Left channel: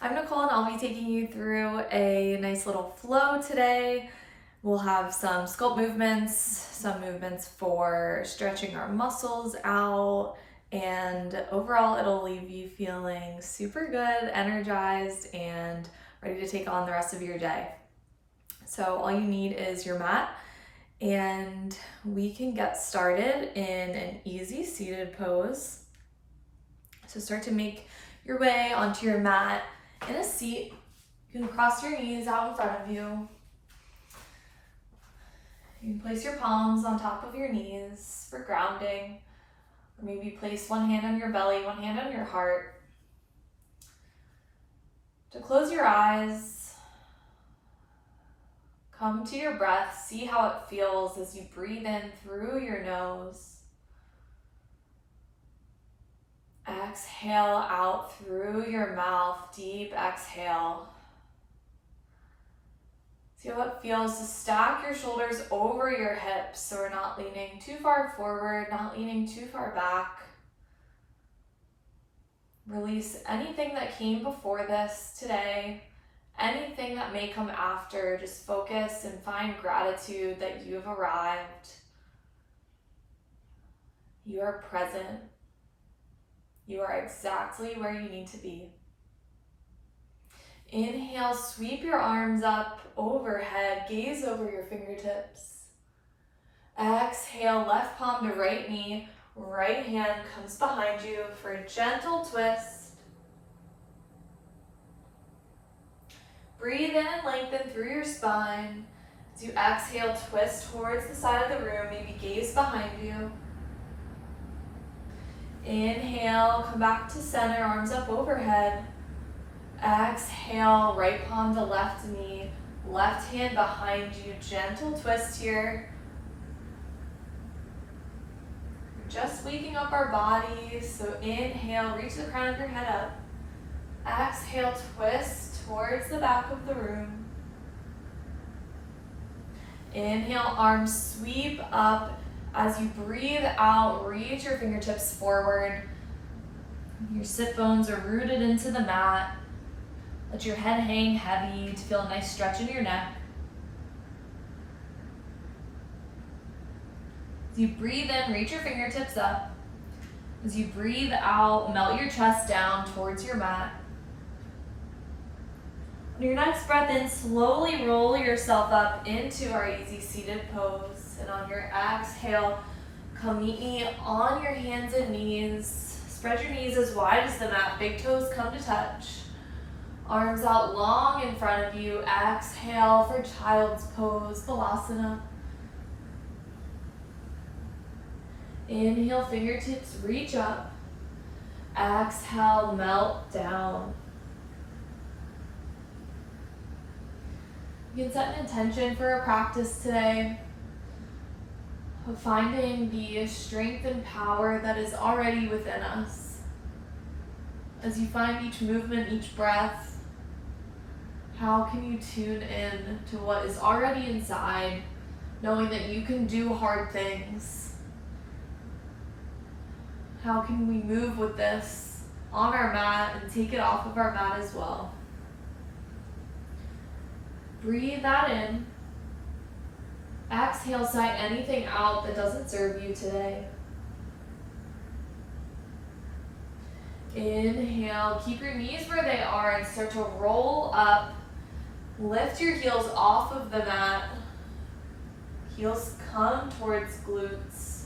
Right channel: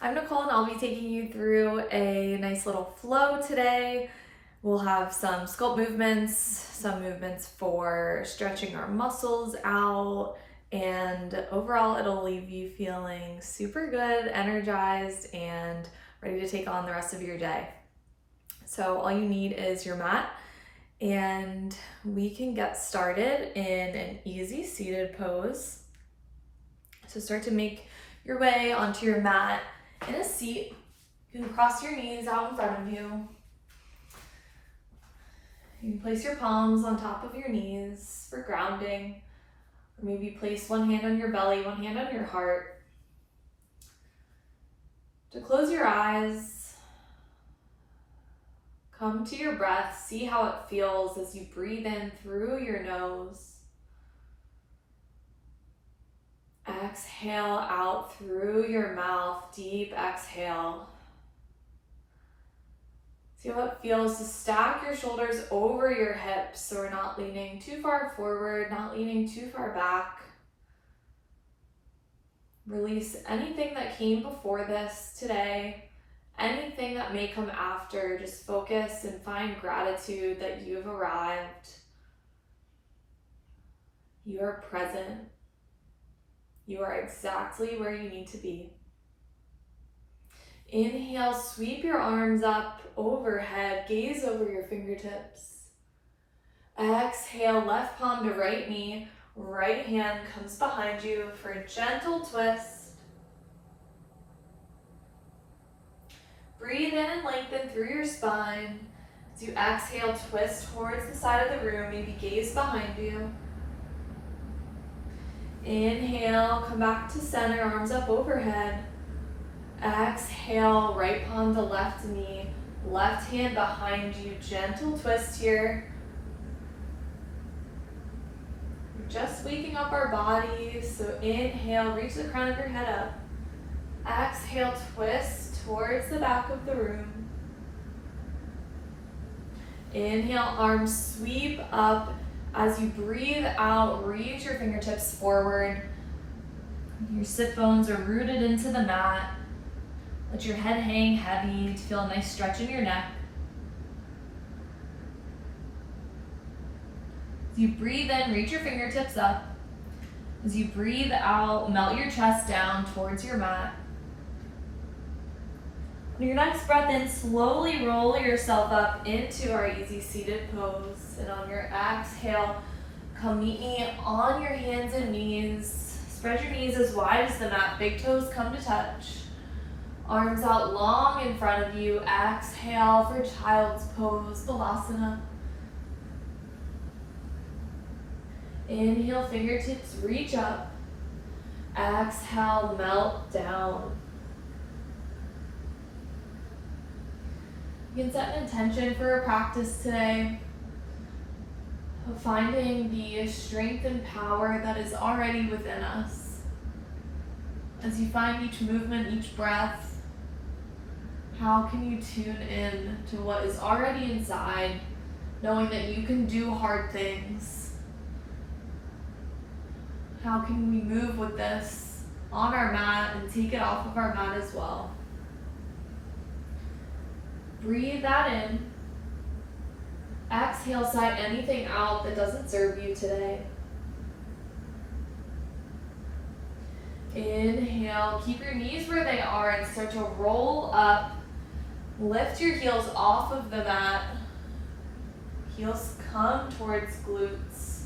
I'm Nicole and I'll be taking you through a nice little flow today. We'll have some sculpt movements, some movements for stretching our muscles out, and overall it'll leave you feeling super good, energized, and ready to take on the rest of your day. So all you need is your mat, and we can get started in an easy seated pose. So start to make your way onto your mat in a seat. You can cross your knees out in front of you. You can place your palms on top of your knees for grounding, or maybe place one hand on your belly, one hand on your heart. To close your eyes, come to your breath, see how it feels as you breathe in through your nose. Exhale out through your mouth, deep exhale. See how it feels to stack your shoulders over your hips so we're not leaning too far forward, not leaning too far back. Release anything that came before this today, anything that may come after. Just focus and find gratitude that you have arrived. You are present. You are exactly where you need to be. Inhale, sweep your arms up overhead, gaze over your fingertips. Exhale, left palm to right knee, right hand comes behind you for a gentle twist. Breathe in and lengthen through your spine. As you exhale, twist towards the side of the room, maybe gaze behind you. Inhale, come back to center, arms up overhead. Exhale, right palm to left knee, left hand behind you, gentle twist here. We're just waking up our bodies, so inhale, reach the crown of your head up. Exhale, twist towards the back of the room. Inhale, arms sweep up. As you breathe out, reach your fingertips forward. Your sit bones are rooted into the mat. Let your head hang heavy to feel a nice stretch in your neck. As you breathe in, reach your fingertips up. As you breathe out, melt your chest down towards your mat. On your next breath in, slowly roll yourself up into our easy seated pose. And on your exhale, come meet me on your hands and knees. Spread your knees as wide as the mat. Big toes come to touch. Arms out long in front of you. Exhale for child's pose, Balasana. Inhale, fingertips reach up. Exhale, melt down. You can set an intention for a practice today of finding the strength and power that is already within us. As you find each movement, each breath, how can you tune in to what is already inside, knowing that you can do hard things? How can we move with this on our mat and take it off of our mat as well? Breathe that in. Exhale, sigh anything out that doesn't serve you today. Inhale, keep your knees where they are and start to roll up. Lift your heels off of the mat. Heels come towards glutes.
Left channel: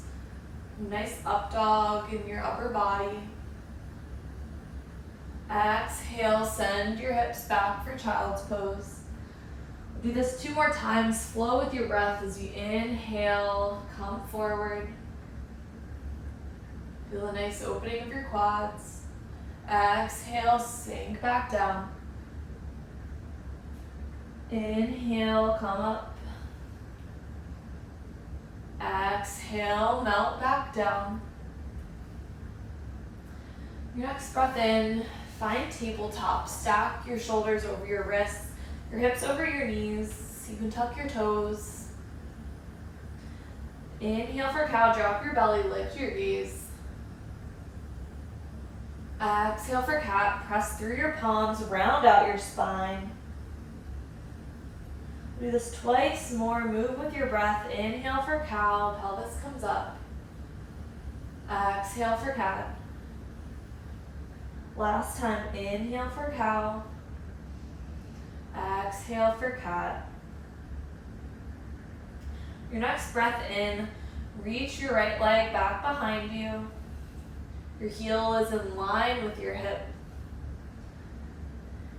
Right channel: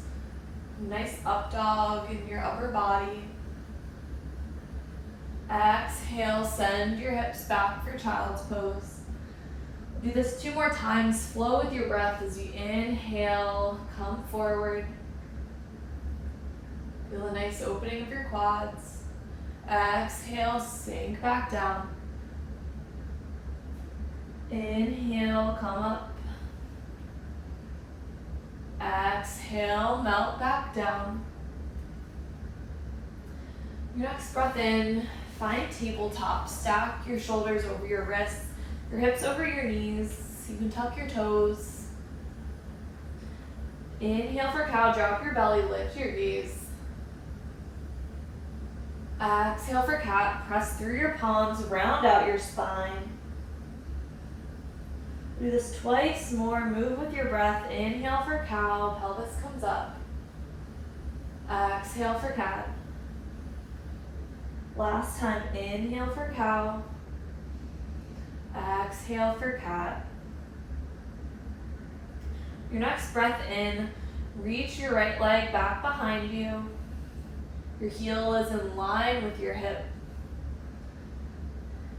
Nice up dog in your upper body. Exhale, send your hips back for child's pose. Do this 2 more times. Flow with your breath as you inhale, come forward. Feel a nice opening of your quads. Exhale, sink back down. Inhale, come up. Exhale, melt back down. Your next breath in, find tabletop. Stack your shoulders over your wrists, your hips over your knees. You can tuck your toes. Inhale for cow, drop your belly, lift your gaze. Exhale for cat. Press through your palms, round out your spine. Do this twice more. Move with your breath. Inhale for cow. Pelvis comes up. Exhale for cat. Last time. Inhale for cow. Exhale for cat. Your next breath in, reach your right leg back behind you. Your heel is in line with your hip.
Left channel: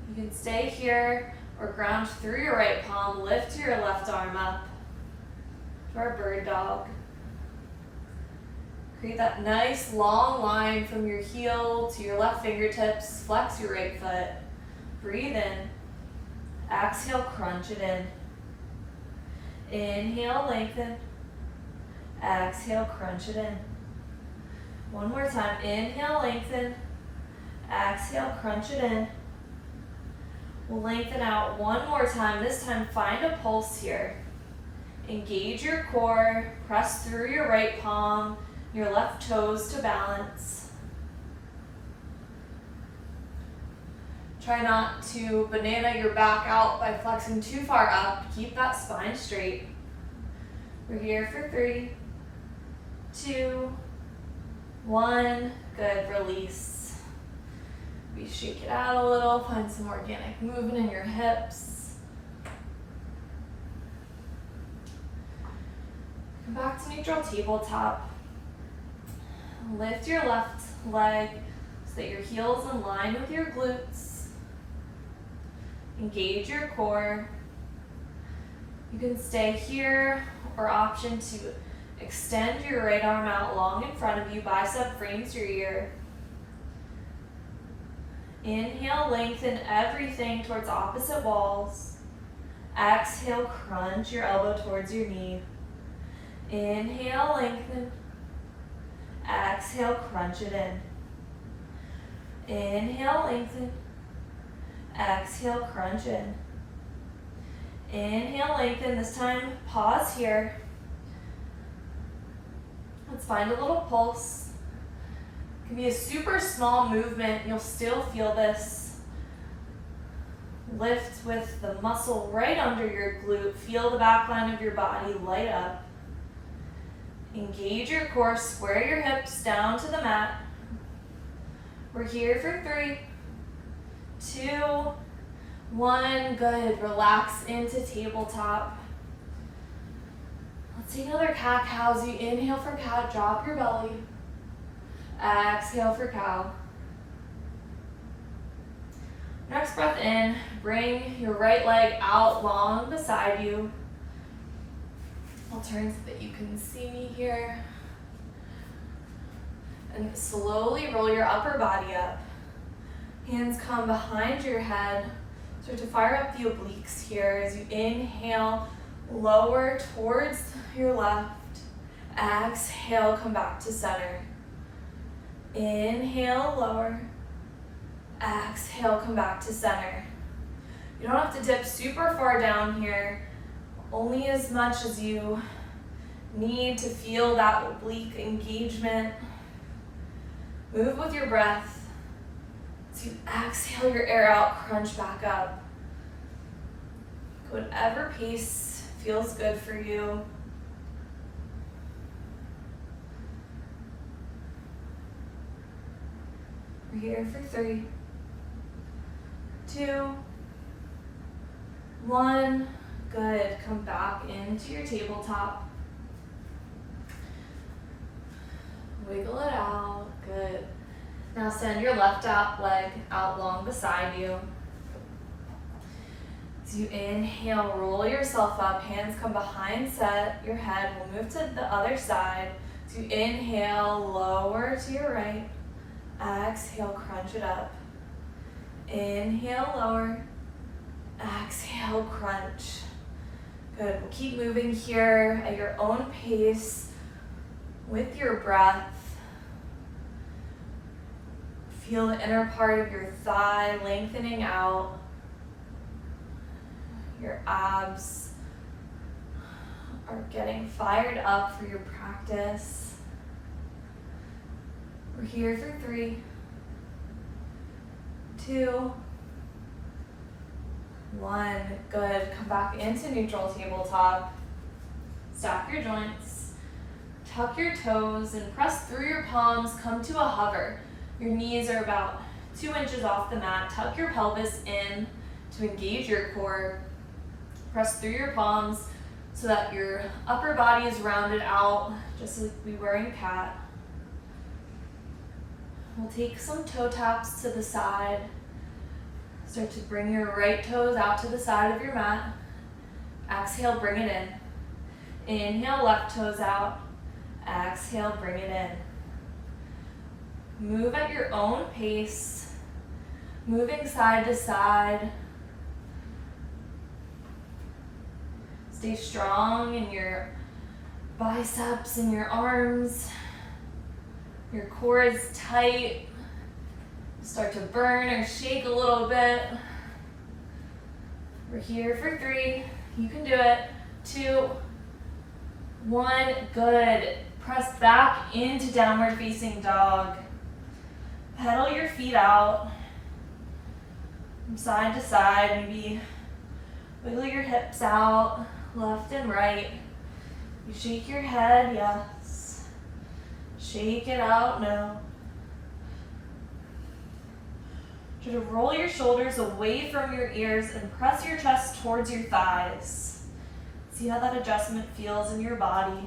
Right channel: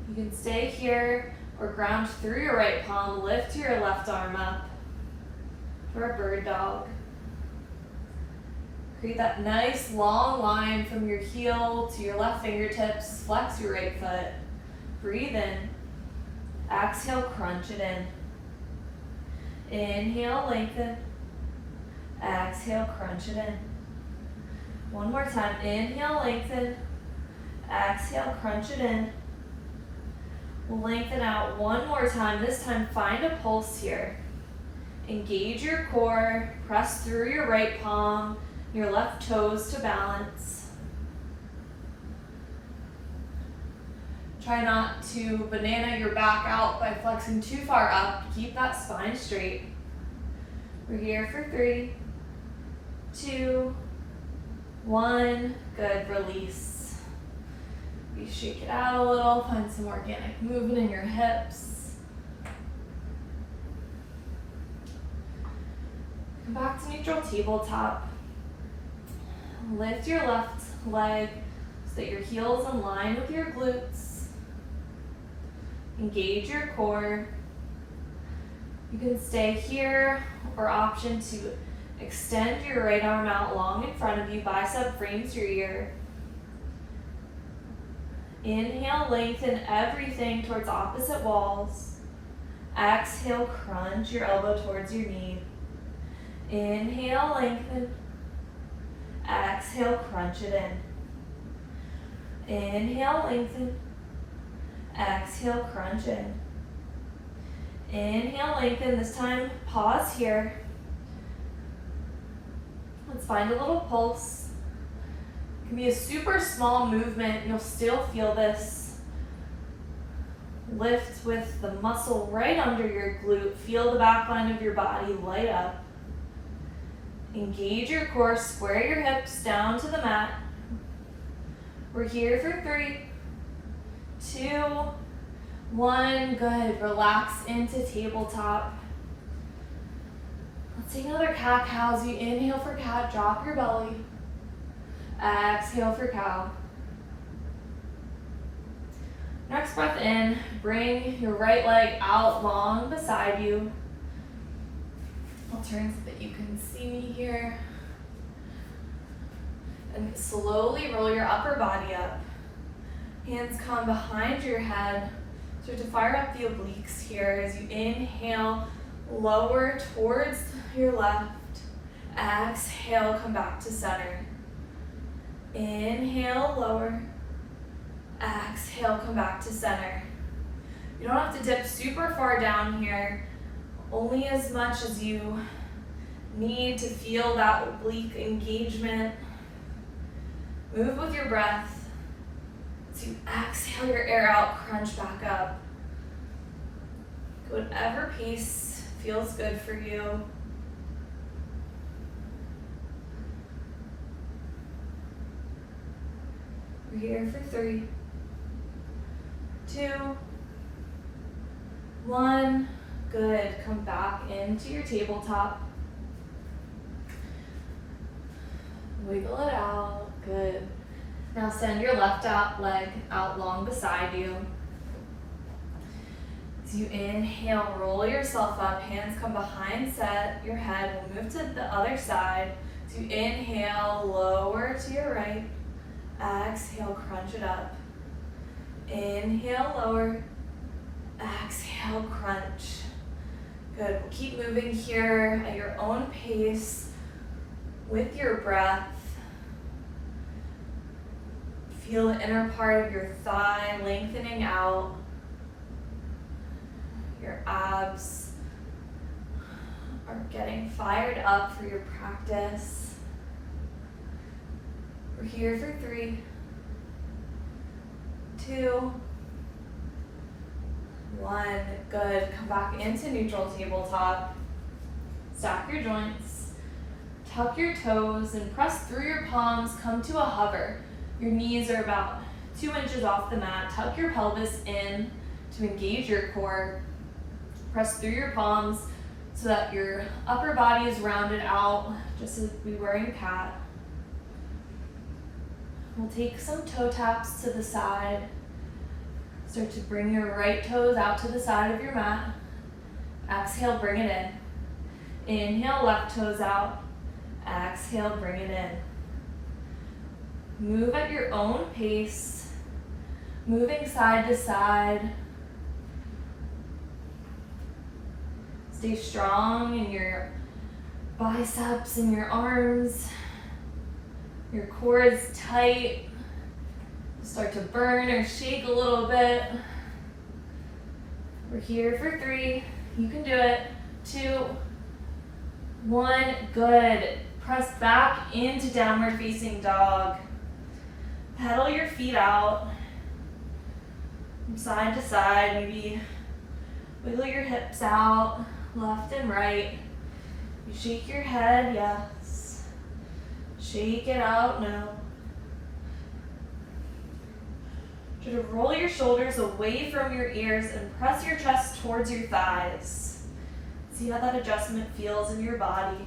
You can stay here or ground through your right palm. Lift your left arm up for a bird dog. Create that nice long line from your heel to your left fingertips. Flex your right foot. Breathe in. Exhale, crunch it in. Inhale, lengthen. Exhale, crunch it in. One more time. Inhale, lengthen. Exhale, crunch it in. We'll lengthen out one more time. This time, find a pulse here. Engage your core. Press through your right palm, your left toes to balance. Try not to banana your back out by flexing too far up. Keep that spine straight. We're here for 3, 2, 1. Good, release. We shake it out a little, find some organic movement in your hips. Come back to neutral tabletop. Lift your left leg so that your heel's in line with your glutes. Engage your core. You can stay here or option to extend your right arm out long in front of you. Bicep frames your ear. Inhale, lengthen everything towards opposite walls. Exhale, crunch your elbow towards your knee. Inhale, lengthen. Exhale, crunch it in. Inhale, lengthen. Exhale, crunch in. Inhale, lengthen. This time, pause here. Let's find a little pulse. It can be a super small movement. You'll still feel this lift with the muscle right under your glute. Feel the back line of your body light up. Engage your core. Square your hips down to the mat. We're here for 3, 2, 1. Good. Relax into tabletop. Let's take another cat-cow. As you inhale for cat, drop your belly. Exhale for cow. Next breath in, bring your right leg out long beside you. I'll turn so that you can see me here. And slowly roll your upper body up. Hands come behind your head. Start to fire up the obliques here as you inhale, lower towards your left. Exhale, come back to center. Inhale, lower. Exhale, come back to center. You don't have to dip super far down here, only as much as you need to feel that oblique engagement. Move with your breath. As you exhale your air out, crunch back up. Whatever pace feels good for you. We're here for 3, 2, 1. Good. Come back into your tabletop. Wiggle it out. Good. Now send your left leg out long beside you. As you inhale, roll yourself up. Hands come behind your head. We'll move to the other side. So you inhale, lower to your right. Exhale, crunch it up. Inhale, lower. Exhale, crunch. Good. We'll keep moving here at your own pace with your breath. Feel the inner part of your thigh lengthening out. Your abs are getting fired up for your practice. We're here for 3, 2, 1. Good. Come back into neutral tabletop. Stack your joints. Tuck your toes and press through your palms. Come to a hover. Your knees are about 2 inches off the mat. Tuck your pelvis in to engage your core. Press through your palms so that your upper body is rounded out, just as we were in cat. We'll take some toe taps to the side. Start to bring your right toes out to the side of your mat. Exhale, bring it in. Inhale, left toes out. Exhale, bring it in. Move at your own pace, moving side to side. Stay strong in your biceps and your arms. Your core is tight. Start to burn or shake a little bit. We're here for 3. You can do it. 2, 1. Good. Press back into downward facing dog. Pedal your feet out from side to side. Maybe wiggle your hips out, left and right. You shake your head, yes. Shake it out, no. Try to roll your shoulders away from your ears and press your chest towards your thighs. See how that adjustment feels in your body.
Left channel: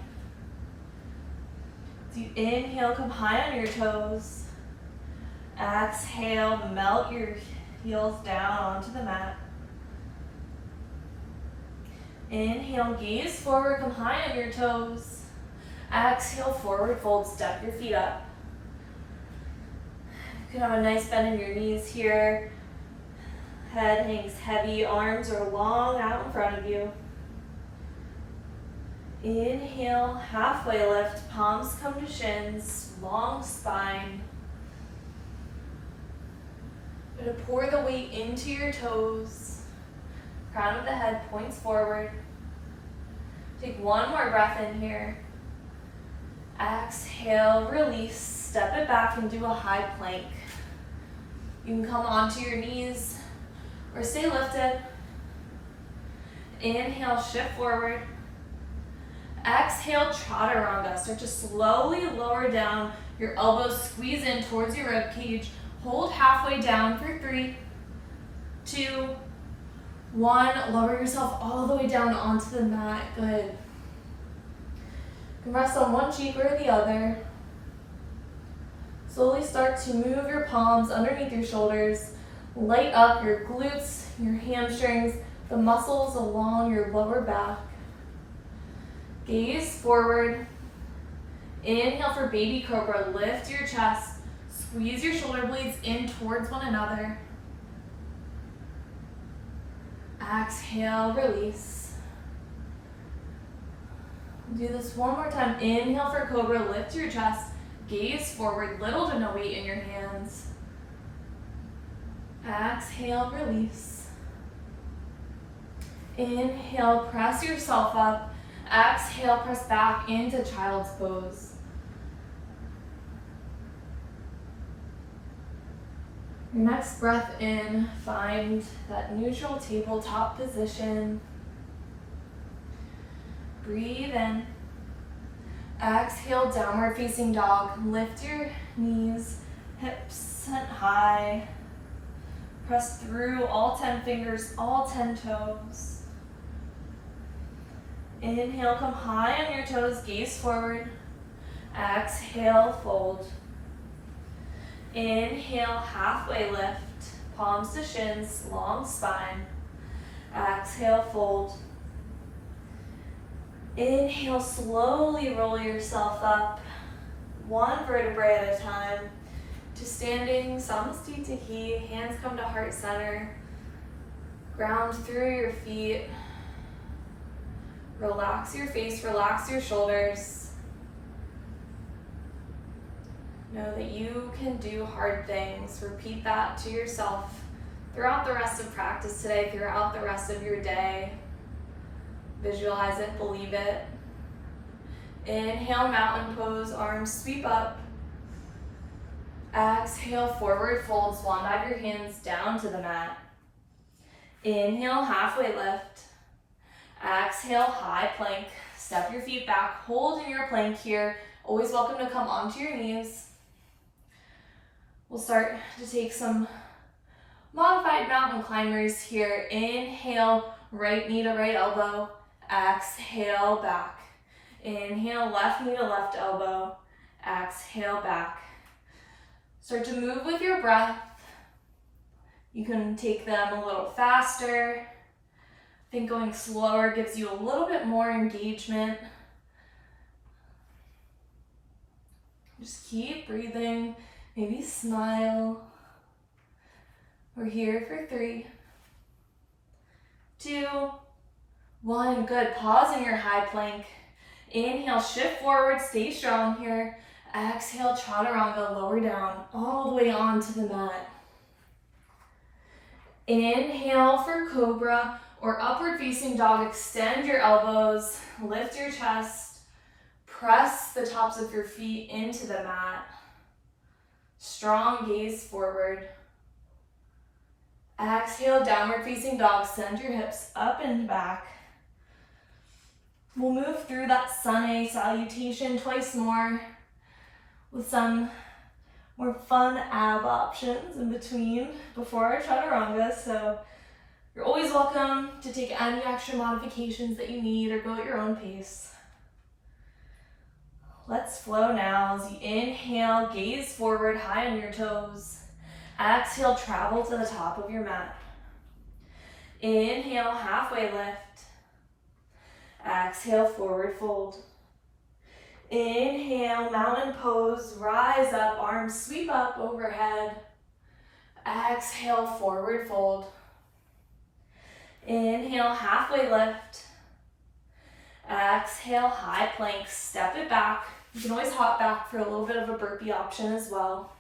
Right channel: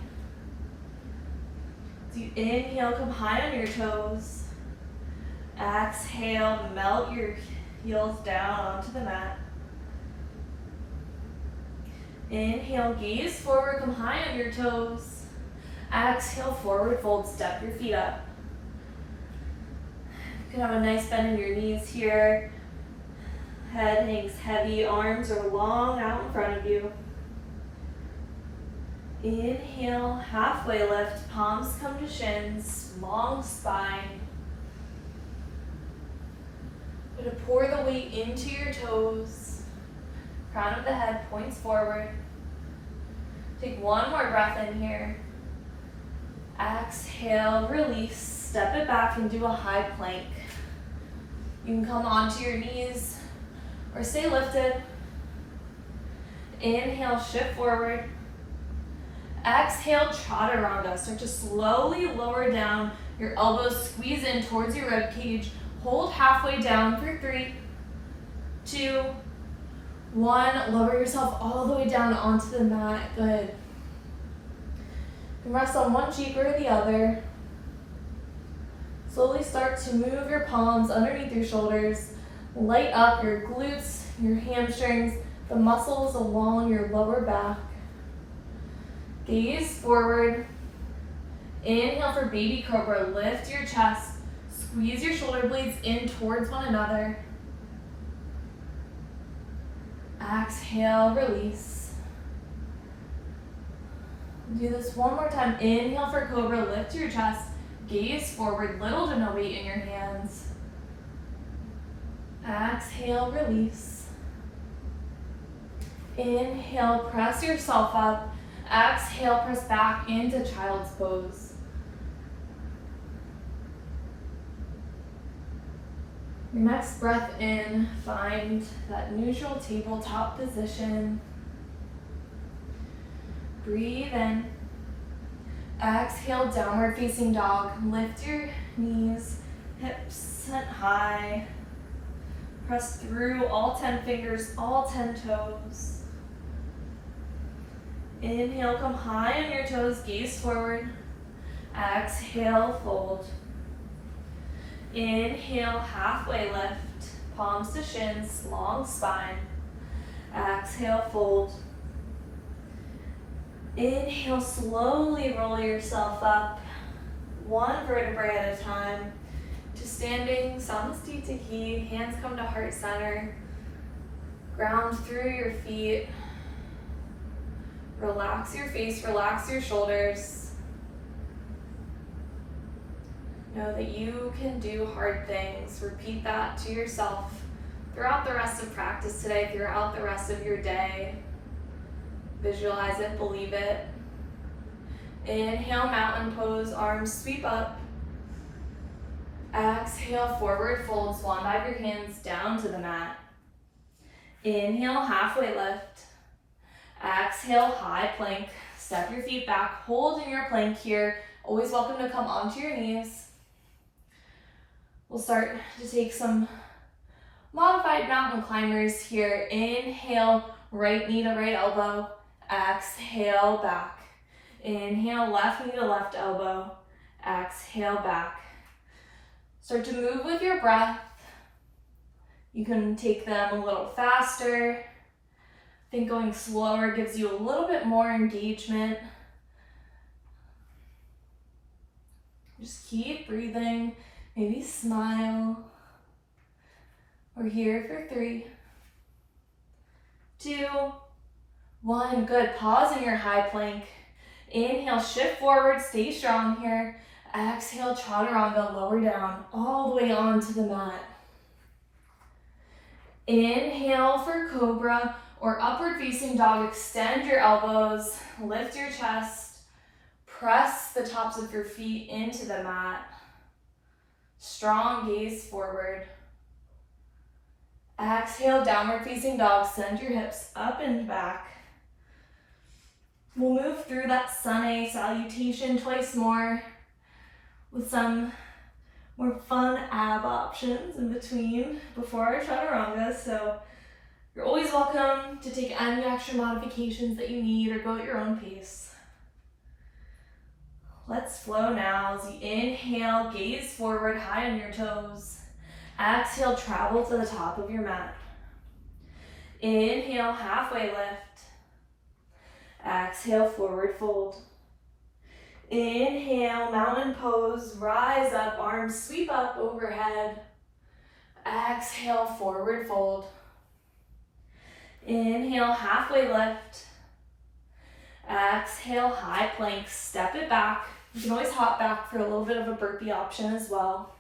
So you inhale, come high on your toes. Exhale, melt your heels down onto the mat. Inhale, gaze forward, come high on your toes. Exhale, forward fold, step your feet up. You can have a nice bend in your knees here. Head hangs heavy, arms are long out in front of you. Inhale, halfway lift, palms come to shins, long spine. Going to pour the weight into your toes. Crown of the head points forward. Take one more breath in here. Exhale, release. Step it back and do a high plank. You can come onto your knees or stay lifted. Inhale, shift forward. Exhale, chaturanga. Start to slowly lower down. Your elbows squeeze in towards your rib cage. Hold halfway down for 3, 2, 1. Lower yourself all the way down onto the mat. Good. You can rest on one cheek or the other. Slowly start to move your palms underneath your shoulders. Light up your glutes, your hamstrings, the muscles along your lower back. Gaze forward. Inhale for baby cobra. Lift your chest. Squeeze your shoulder blades in towards one another. Exhale, release. Do this one more time. Inhale for cobra. Lift your chest. Gaze forward. Little to no weight in your hands. Exhale, release. Inhale, press yourself up. Exhale, press back into child's pose. Your next breath in, find that neutral tabletop position. Breathe in. Exhale, downward facing dog. Lift your knees, hips sent high. Press through all 10 fingers, all 10 toes. Inhale, come high on your toes, gaze forward. Exhale, fold. Inhale, halfway lift, palms to shins, long spine. Exhale, fold. Inhale, slowly roll yourself up, one vertebrae at a time, to standing samastitihi. Hands come to heart center. Ground through your feet. Relax your face, relax your shoulders. Know that you can do hard things. Repeat that to yourself throughout the rest of practice today, throughout the rest of your day. Visualize it, believe it. Inhale, mountain pose, arms sweep up. Exhale, forward fold, swan dive your hands down to the mat. Inhale, halfway lift. Exhale, high plank. Step your feet back, hold in your plank here. Always welcome to come onto your knees. We'll start to take some modified mountain climbers here. Inhale, right knee to right elbow. Exhale, back. Inhale, left knee to left elbow. Exhale, back. Start to move with your breath. You can take them a little faster. I think going slower gives you a little bit more engagement. Just keep breathing, maybe smile. We're here for 3, 2, 1. Good. Pause in your high plank. Inhale, shift forward, stay strong here. Exhale, chaturanga, lower down, all the way onto the mat. Inhale for cobra or upward facing dog. Extend your elbows, lift your chest, press the tops of your feet into the mat. Strong gaze forward. Exhale, downward facing dog. Send your hips up and back. We'll move through that sun A salutation twice more with some more fun ab options in between before our chaturanga. So you're always welcome to take any extra modifications that you need or go at your own pace. Let's flow now as you inhale, gaze forward, high on your toes. Exhale, travel to the top of your mat. Inhale, halfway lift. Exhale, forward fold. Inhale, mountain pose, rise up, arms sweep up overhead. Exhale, forward fold. Inhale, halfway lift. Exhale, high plank, step it back. You can always hop back for a little bit of a burpee option as well.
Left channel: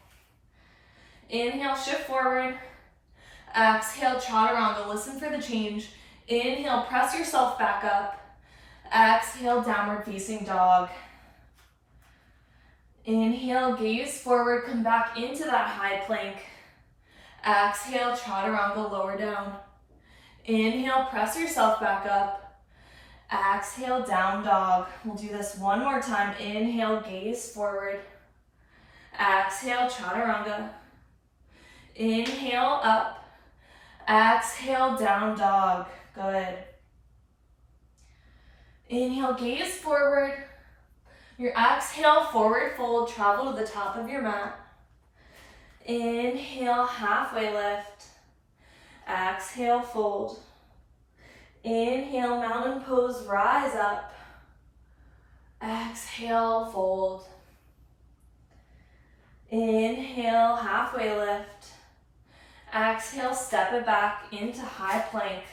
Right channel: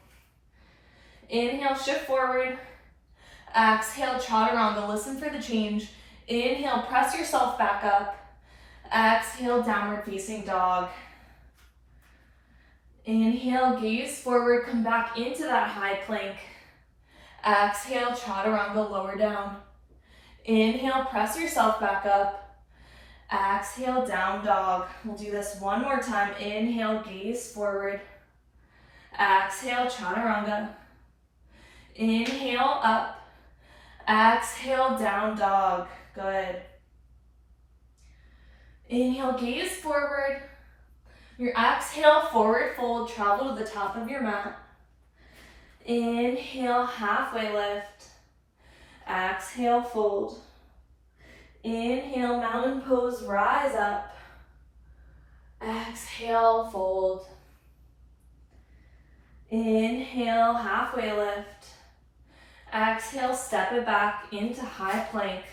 Inhale, shift forward. Exhale, chaturanga, listen for the change. Inhale, press yourself back up. Exhale, downward facing dog. Inhale, gaze forward, come back into that high plank. Exhale, chaturanga, lower down. Inhale, press yourself back up. Exhale, down dog. We'll do this one more time. Inhale, gaze forward. Exhale, chaturanga. Inhale, up. Exhale, down dog. Good. Inhale, gaze forward. Your exhale, forward fold, travel to the top of your mat. Inhale, halfway lift. Exhale, fold. Inhale, mountain pose, rise up. Exhale, fold. Inhale, halfway lift. Exhale, step it back into high plank.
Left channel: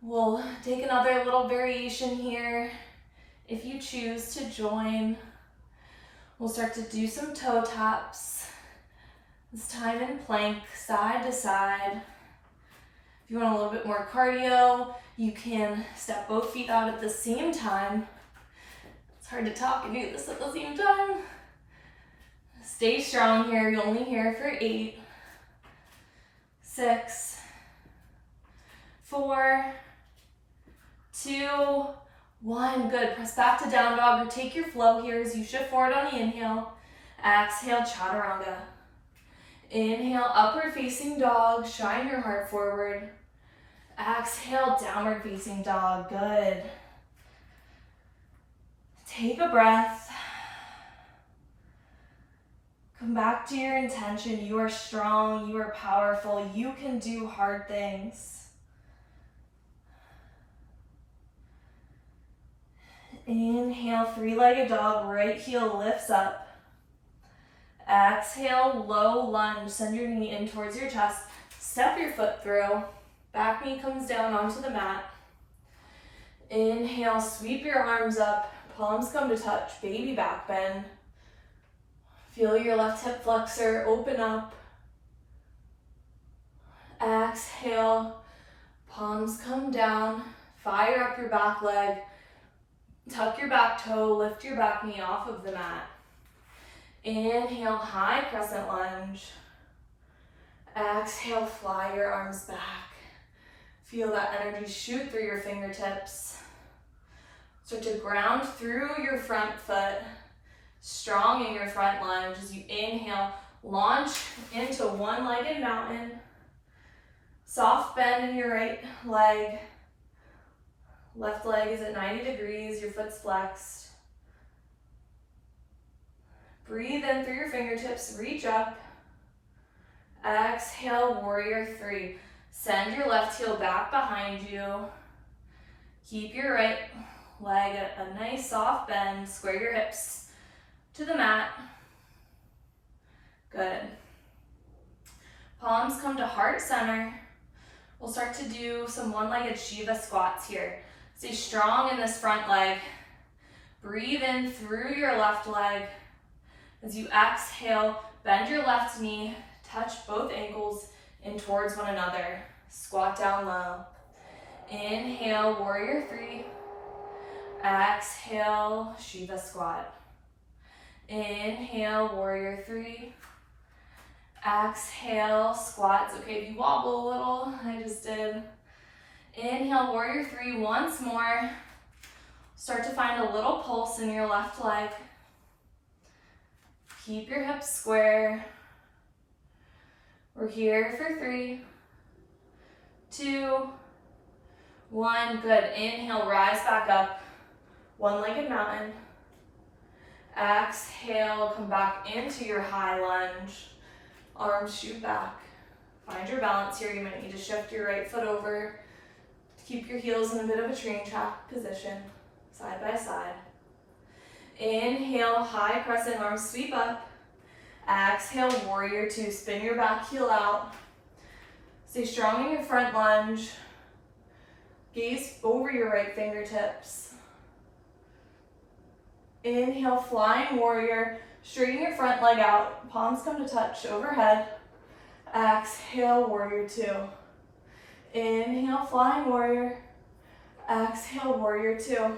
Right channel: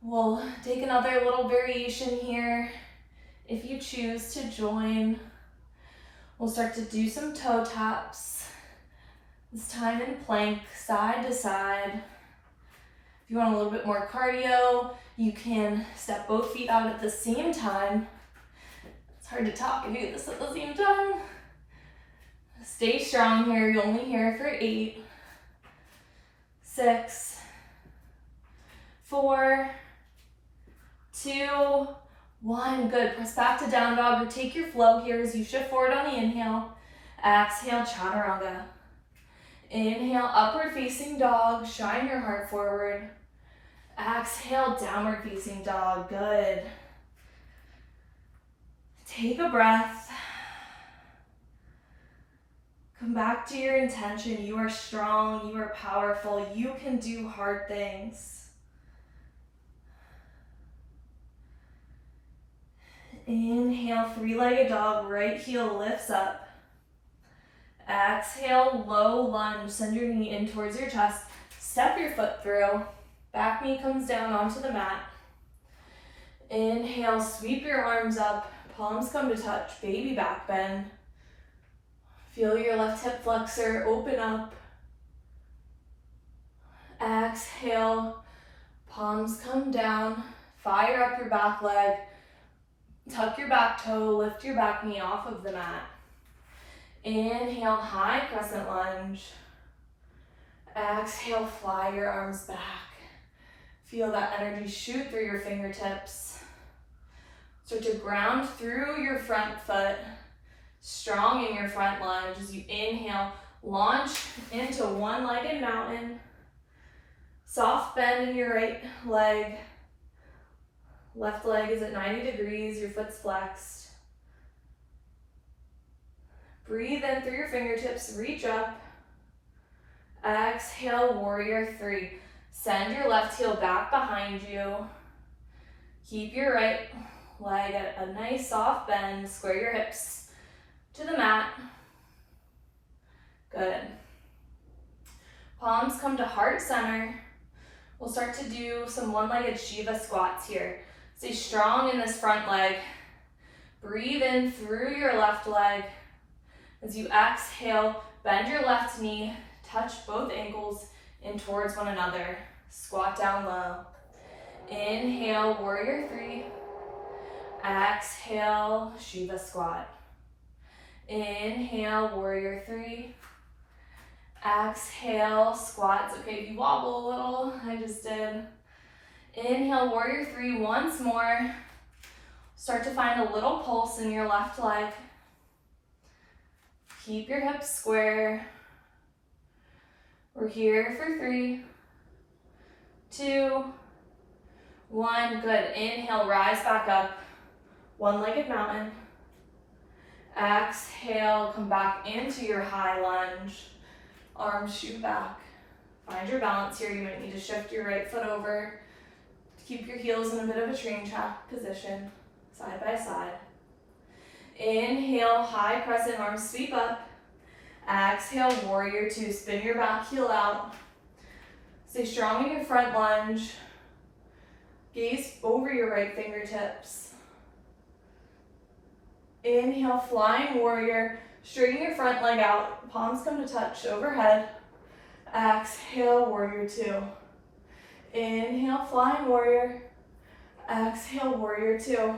We'll take another little variation here. If you choose to join, we'll start to do some toe taps. This time in plank, side to side. If you want a little bit more cardio, you can step both feet out at the same time. It's hard to talk and do this at the same time. Stay strong here. You're only here for 8, 6, 4, 2, 1. Good. Press back to down dog or take your flow here as you shift forward on the inhale. Exhale, chaturanga. Inhale, upward facing dog. Shine your heart forward. Exhale, downward facing dog. Good. Take a breath. Come back to your intention. You are strong. You are powerful. You can do hard things. Inhale, 3-legged dog, right heel lifts up. Exhale, low lunge, send your knee in towards your chest. Step your foot through, back knee comes down onto the mat. Inhale, sweep your arms up, palms come to touch, baby back bend. Feel your left hip flexor open up. Exhale, palms come down, fire up your back leg. Tuck your back toe, lift your back knee off of the mat. Inhale, high crescent lunge. Exhale, fly your arms back. Feel that energy shoot through your fingertips. Start to ground through your front foot. Strong in your front lunge as you inhale, launch into one-legged mountain. Soft bend in your right leg. Left leg is at 90 degrees, your foot's flexed. Breathe in through your fingertips, reach up. Exhale, warrior three. Send your left heel back behind you. Keep your right leg at a nice soft bend. Square your hips to the mat. Good. Palms come to heart center. We'll start to do some one-legged Shiva squats here. Stay strong in this front leg. Breathe in through your left leg. As you exhale, bend your left knee, touch both ankles in towards one another. Squat down low. Inhale, warrior three. Exhale, Shiva squat. Inhale, warrior three. Exhale, squat. It's okay if you wobble a little, I just did. Inhale, warrior three, once more. Start to find a little pulse in your left leg. Keep your hips square. We're here for 3, 2, 1. Good. Inhale, rise back up. One-legged mountain. Exhale, come back into your high lunge. Arms shoot back. Find your balance here. You might need to shift your right foot over to keep your heels in a bit of a train track position, side by side. Inhale, high crescent arms sweep up. Exhale, warrior two. Spin your back heel out. Stay strong in your front lunge. Gaze over your right fingertips. Inhale, flying warrior. Straighten your front leg out. Palms come to touch overhead. Exhale, warrior two. Inhale, flying warrior. Exhale, warrior two.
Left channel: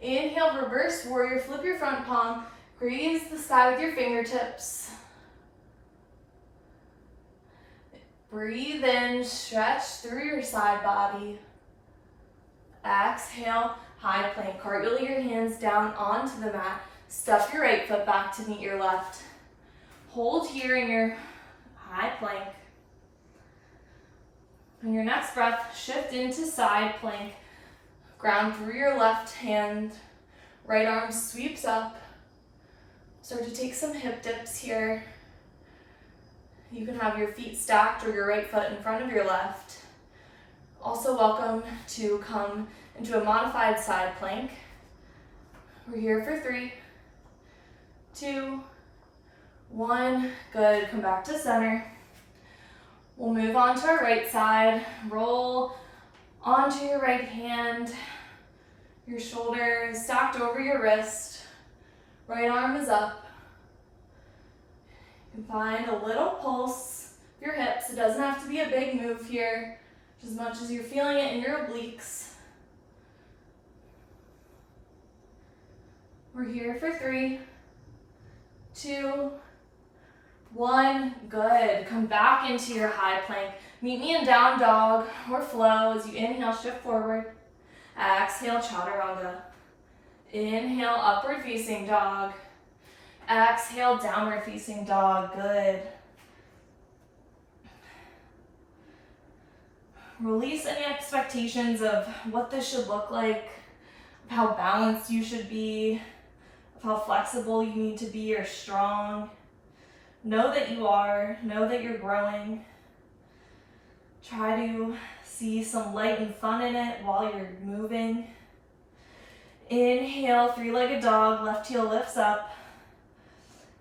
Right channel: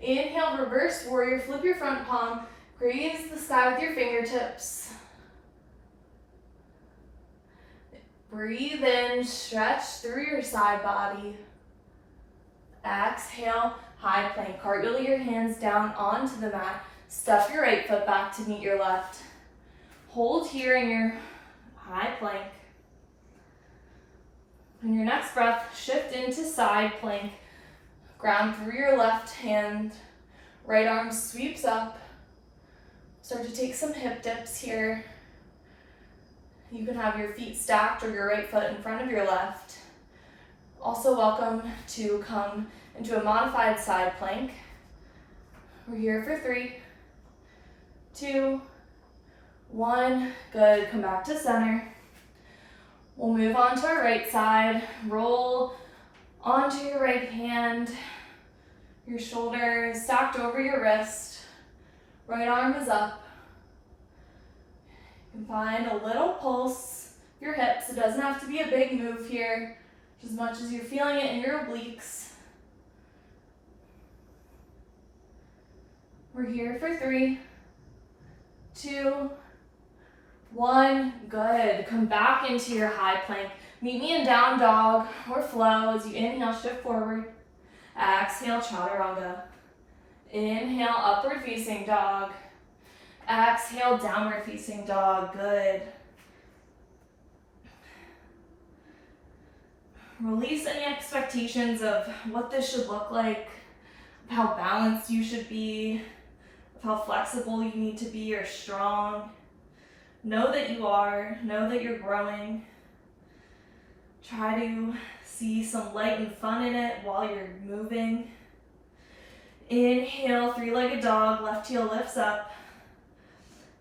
Inhale, reverse warrior. Flip your front palm. Graze the sky with your fingertips. Breathe in, stretch through your side body. Exhale, high plank. Cartwheel your hands down onto the mat. Step your right foot back to meet your left. Hold here in your high plank. On your next breath, shift into side plank. Ground through your left hand. Right arm sweeps up. Start to take some hip dips here. You can have your feet stacked or your right foot in front of your left. Also welcome to come into a modified side plank. We're here for 3, 2, 1. Good. Come back to center. We'll move on to our right side. Roll onto your right hand. Your shoulder is stacked over your wrist. Right arm is up. You can find a little pulse. Your hips. It doesn't have to be a big move here. Just as much as you're feeling it in your obliques. We're here for 3, 2, 1. Good. Come back into your high plank. Meet me in down dog or flow as you inhale, shift forward. Exhale, chaturanga. Inhale, upward facing dog. Exhale, downward facing dog. Good. Release any expectations of what this should look like, of how balanced you should be, of how flexible you need to be or strong. Know that you are. Know that you're growing. Try to see some light and fun in it while you're moving. Inhale, three-legged dog, left heel lifts up.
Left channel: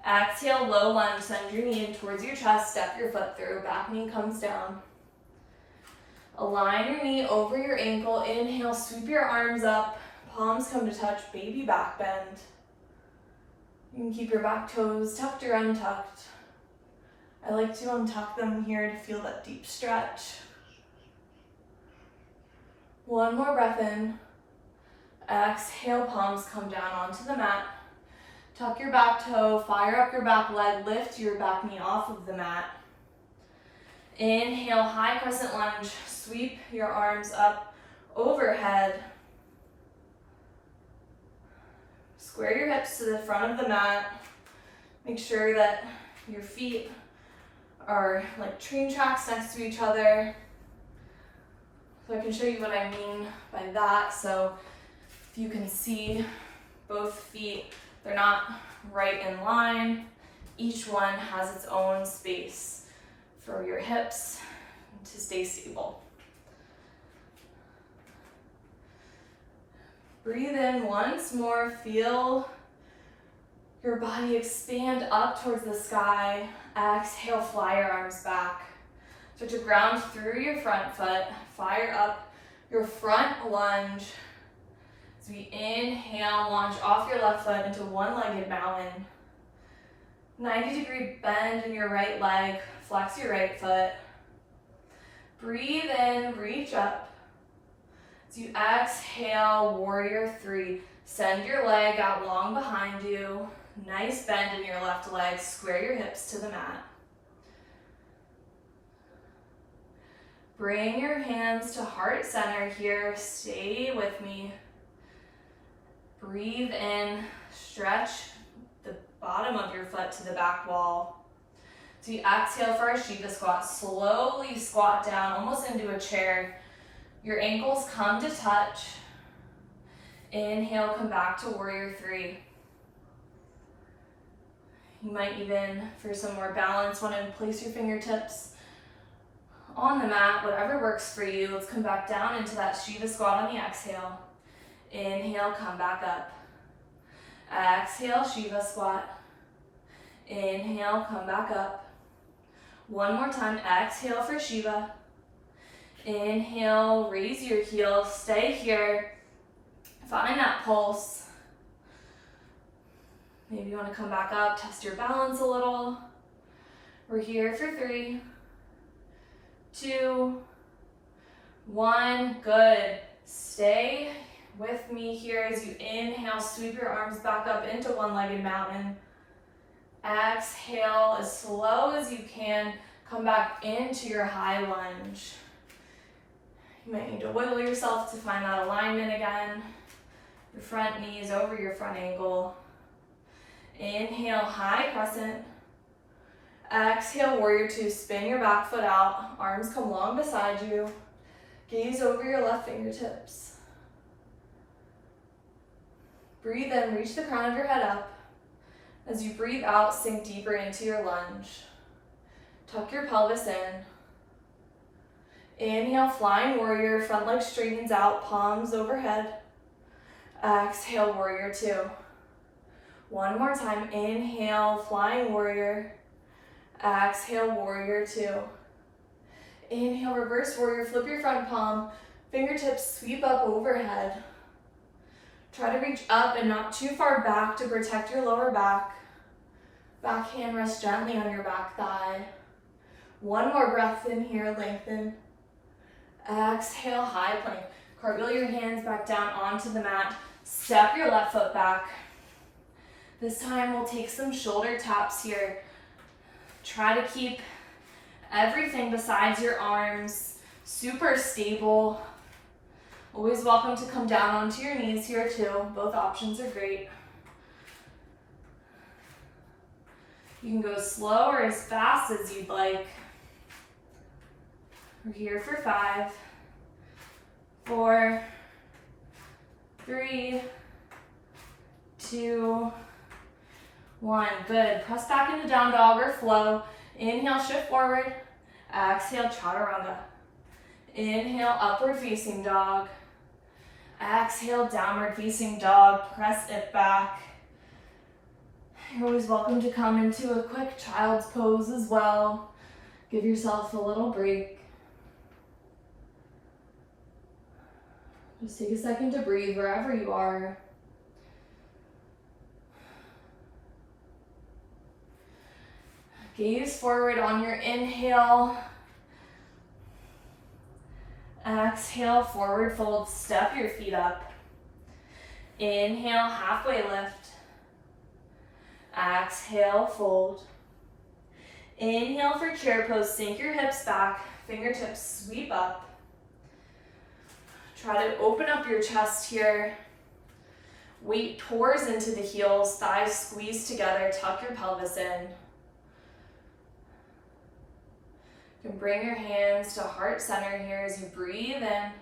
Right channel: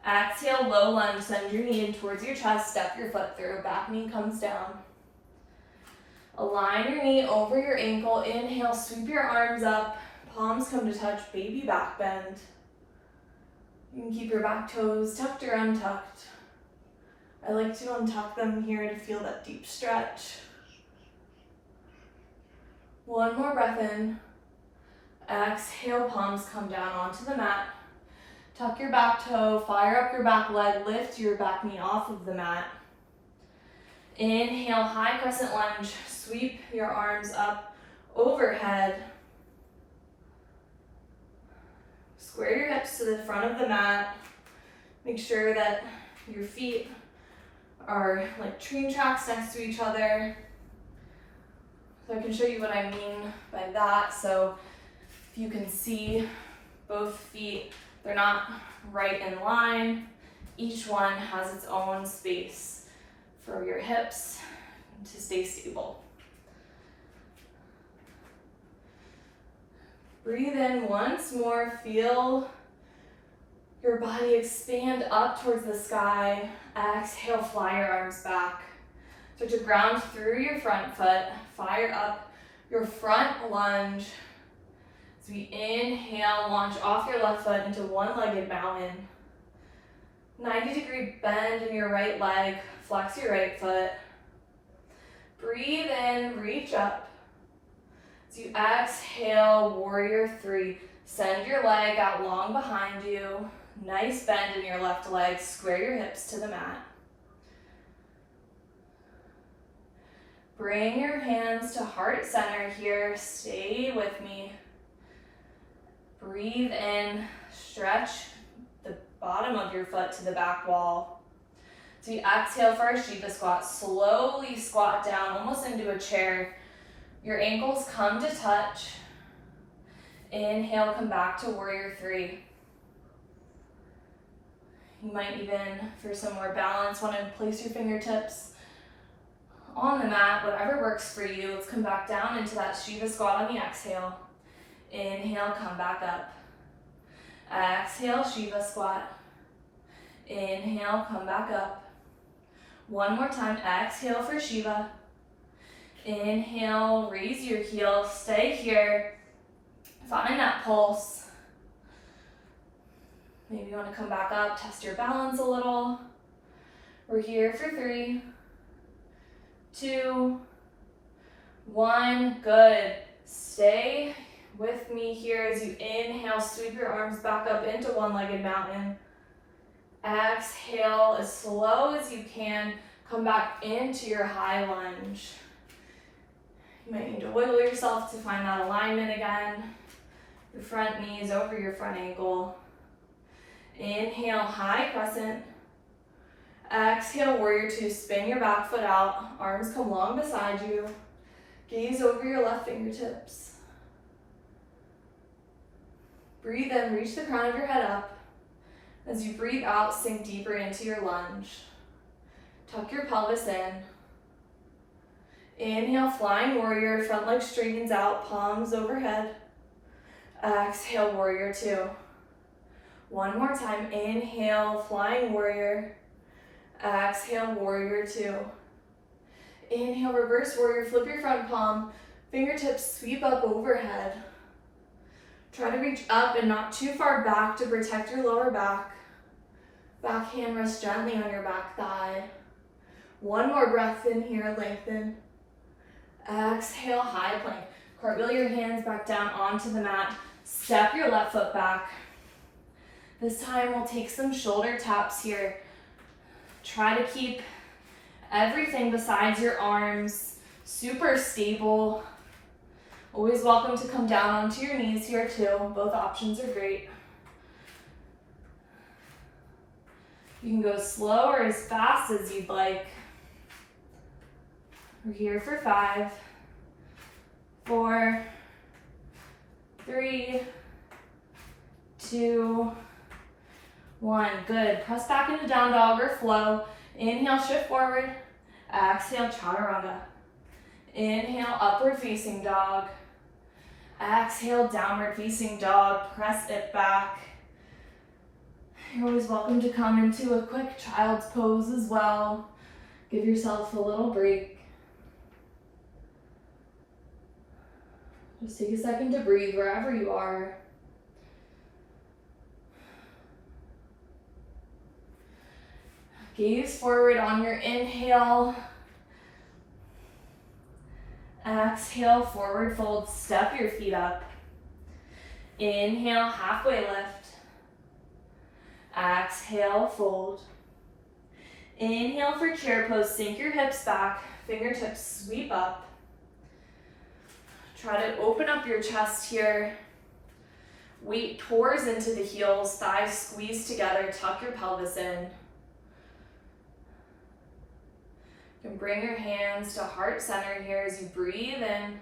Exhale, low lunge, send your knee in towards your chest, step your foot through, back knee comes down. Align your knee over your ankle, inhale, sweep your arms up, palms come to touch, baby back bend. You can keep your back toes tucked or untucked. I like to untuck them here to feel that deep stretch. One more breath in. Exhale, palms come down onto the mat. Tuck your back toe, fire up your back leg, lift your back knee off of the mat. Inhale, high crescent lunge, sweep your arms up overhead. Square your hips to the front of the mat. Make sure that your feet are like train tracks next to each other. So I can show you what I mean by that. So if you can see both feet, they're not right in line. Each one has its own space for your hips to stay stable. Breathe in once more, feel your body expand up towards the sky. Exhale, fly your arms back. Start to ground through your front foot, fire up your front lunge. As we inhale, launch off your left foot into one-legged mountain. 90-degree bend in your right leg, flex your right foot. Breathe in, reach up. As you exhale, warrior three. Send your leg out long behind you. Nice bend in your left leg. Square your hips to the mat. Bring your hands to heart center here. Stay with me. Breathe in. Stretch the bottom of your foot to the back wall. So you exhale for a Shiva squat. Slowly squat down, almost into a chair. Your ankles come to touch. Inhale, come back to warrior three. You might even, for some more balance, want to place your fingertips on the mat, whatever works for you. Let's come back down into that Shiva squat on the exhale. Inhale, come back up. Exhale, Shiva squat. Inhale, come back up. One more time, exhale for Shiva. Inhale, raise your heel, stay here. Find that pulse. Maybe you want to come back up, test your balance a little. We're here for 3, 2, 1. Good. Stay with me here as you inhale, sweep your arms back up into one-legged mountain. Exhale as slow as you can. Come back into your high lunge. You might need to wiggle yourself to find that alignment again. Your front knee is over your front ankle. Inhale, high crescent. Exhale, warrior two. Spin your back foot out. Arms come long beside you. Gaze over your left fingertips. Breathe in, reach the crown of your head up. As you breathe out, sink deeper into your lunge. Tuck your pelvis in. Inhale, flying warrior, front leg straightens out, palms overhead. Exhale, warrior two. One more time, inhale, flying warrior. Exhale, warrior two. Inhale, reverse warrior, flip your front palm, fingertips sweep up overhead. Try to reach up and not too far back to protect your lower back. Back hand rests gently on your back thigh. One more breath in here, lengthen. Exhale, high plank. Cartwheel your hands back down onto the mat. Step your left foot back. This time we'll take some shoulder taps here. Try to keep everything besides your arms super stable. Always welcome to come down onto your knees here too. Both options are great. You can go slow or as fast as you'd like. We're here for 5, 4, 3, 2, 1. Good. Press back into down dog or flow. Inhale, shift forward. Exhale, chaturanga. Inhale, upward facing dog. Exhale, downward facing dog. Press it back. You're always welcome to come into a quick child's pose as well. Give yourself a little break. Just take a second to breathe wherever you are. Gaze forward on your inhale. Exhale, forward fold, step your feet up. Inhale, halfway lift. Exhale, fold. Inhale for chair pose, sink your hips back, fingertips sweep up. Try to open up your chest here. Weight tours into the heels, thighs squeeze together, tuck your pelvis in. You can bring your hands to heart center here as you breathe in.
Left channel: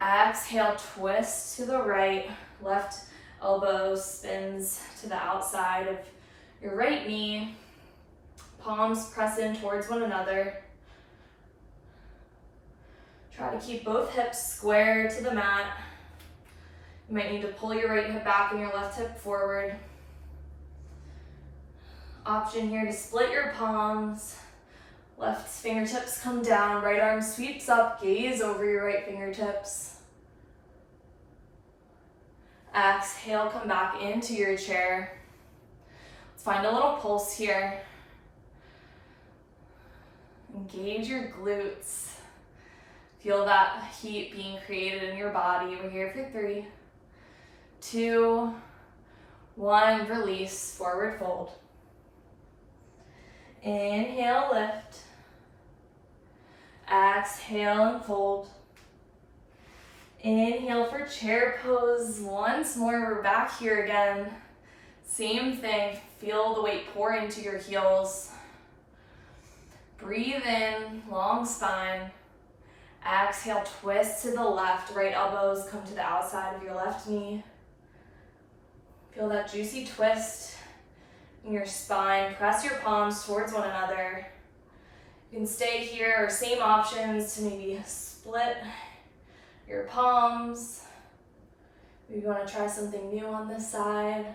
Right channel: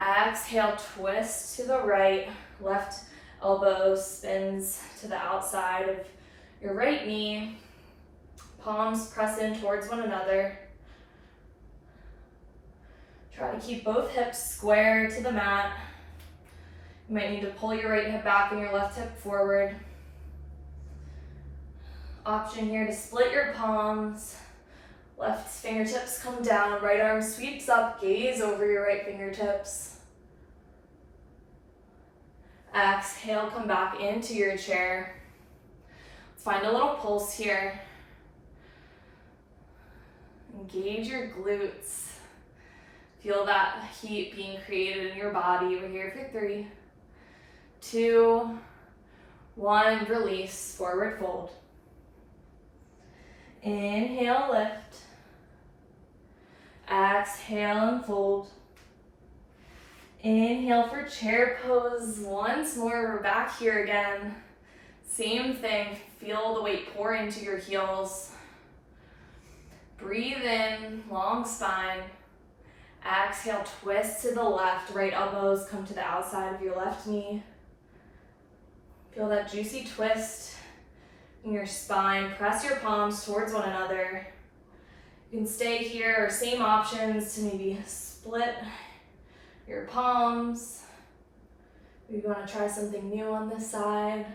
Exhale, twist to the right, left elbow spins to the outside of your right knee. Palms press in towards one another. Try to keep both hips square to the mat. You might need to pull your right hip back and your left hip forward. Option here to split your palms. Left fingertips come down, right arm sweeps up, gaze over your right fingertips. Exhale, come back into your chair. Let's find a little pulse here. Engage your glutes. Feel that heat being created in your body. We're here for 3, 2, 1. Release, forward fold. Inhale, lift. Exhale and fold. Inhale for chair pose. Once more, we're back here again. Same thing, feel the weight pour into your heels. Breathe in, long spine. Exhale, twist to the left. Right elbows come to the outside of your left knee. Feel that juicy twist in your spine. Press your palms towards one another. You can stay here, or same options to maybe split your palms. Maybe you want to try something new on this side.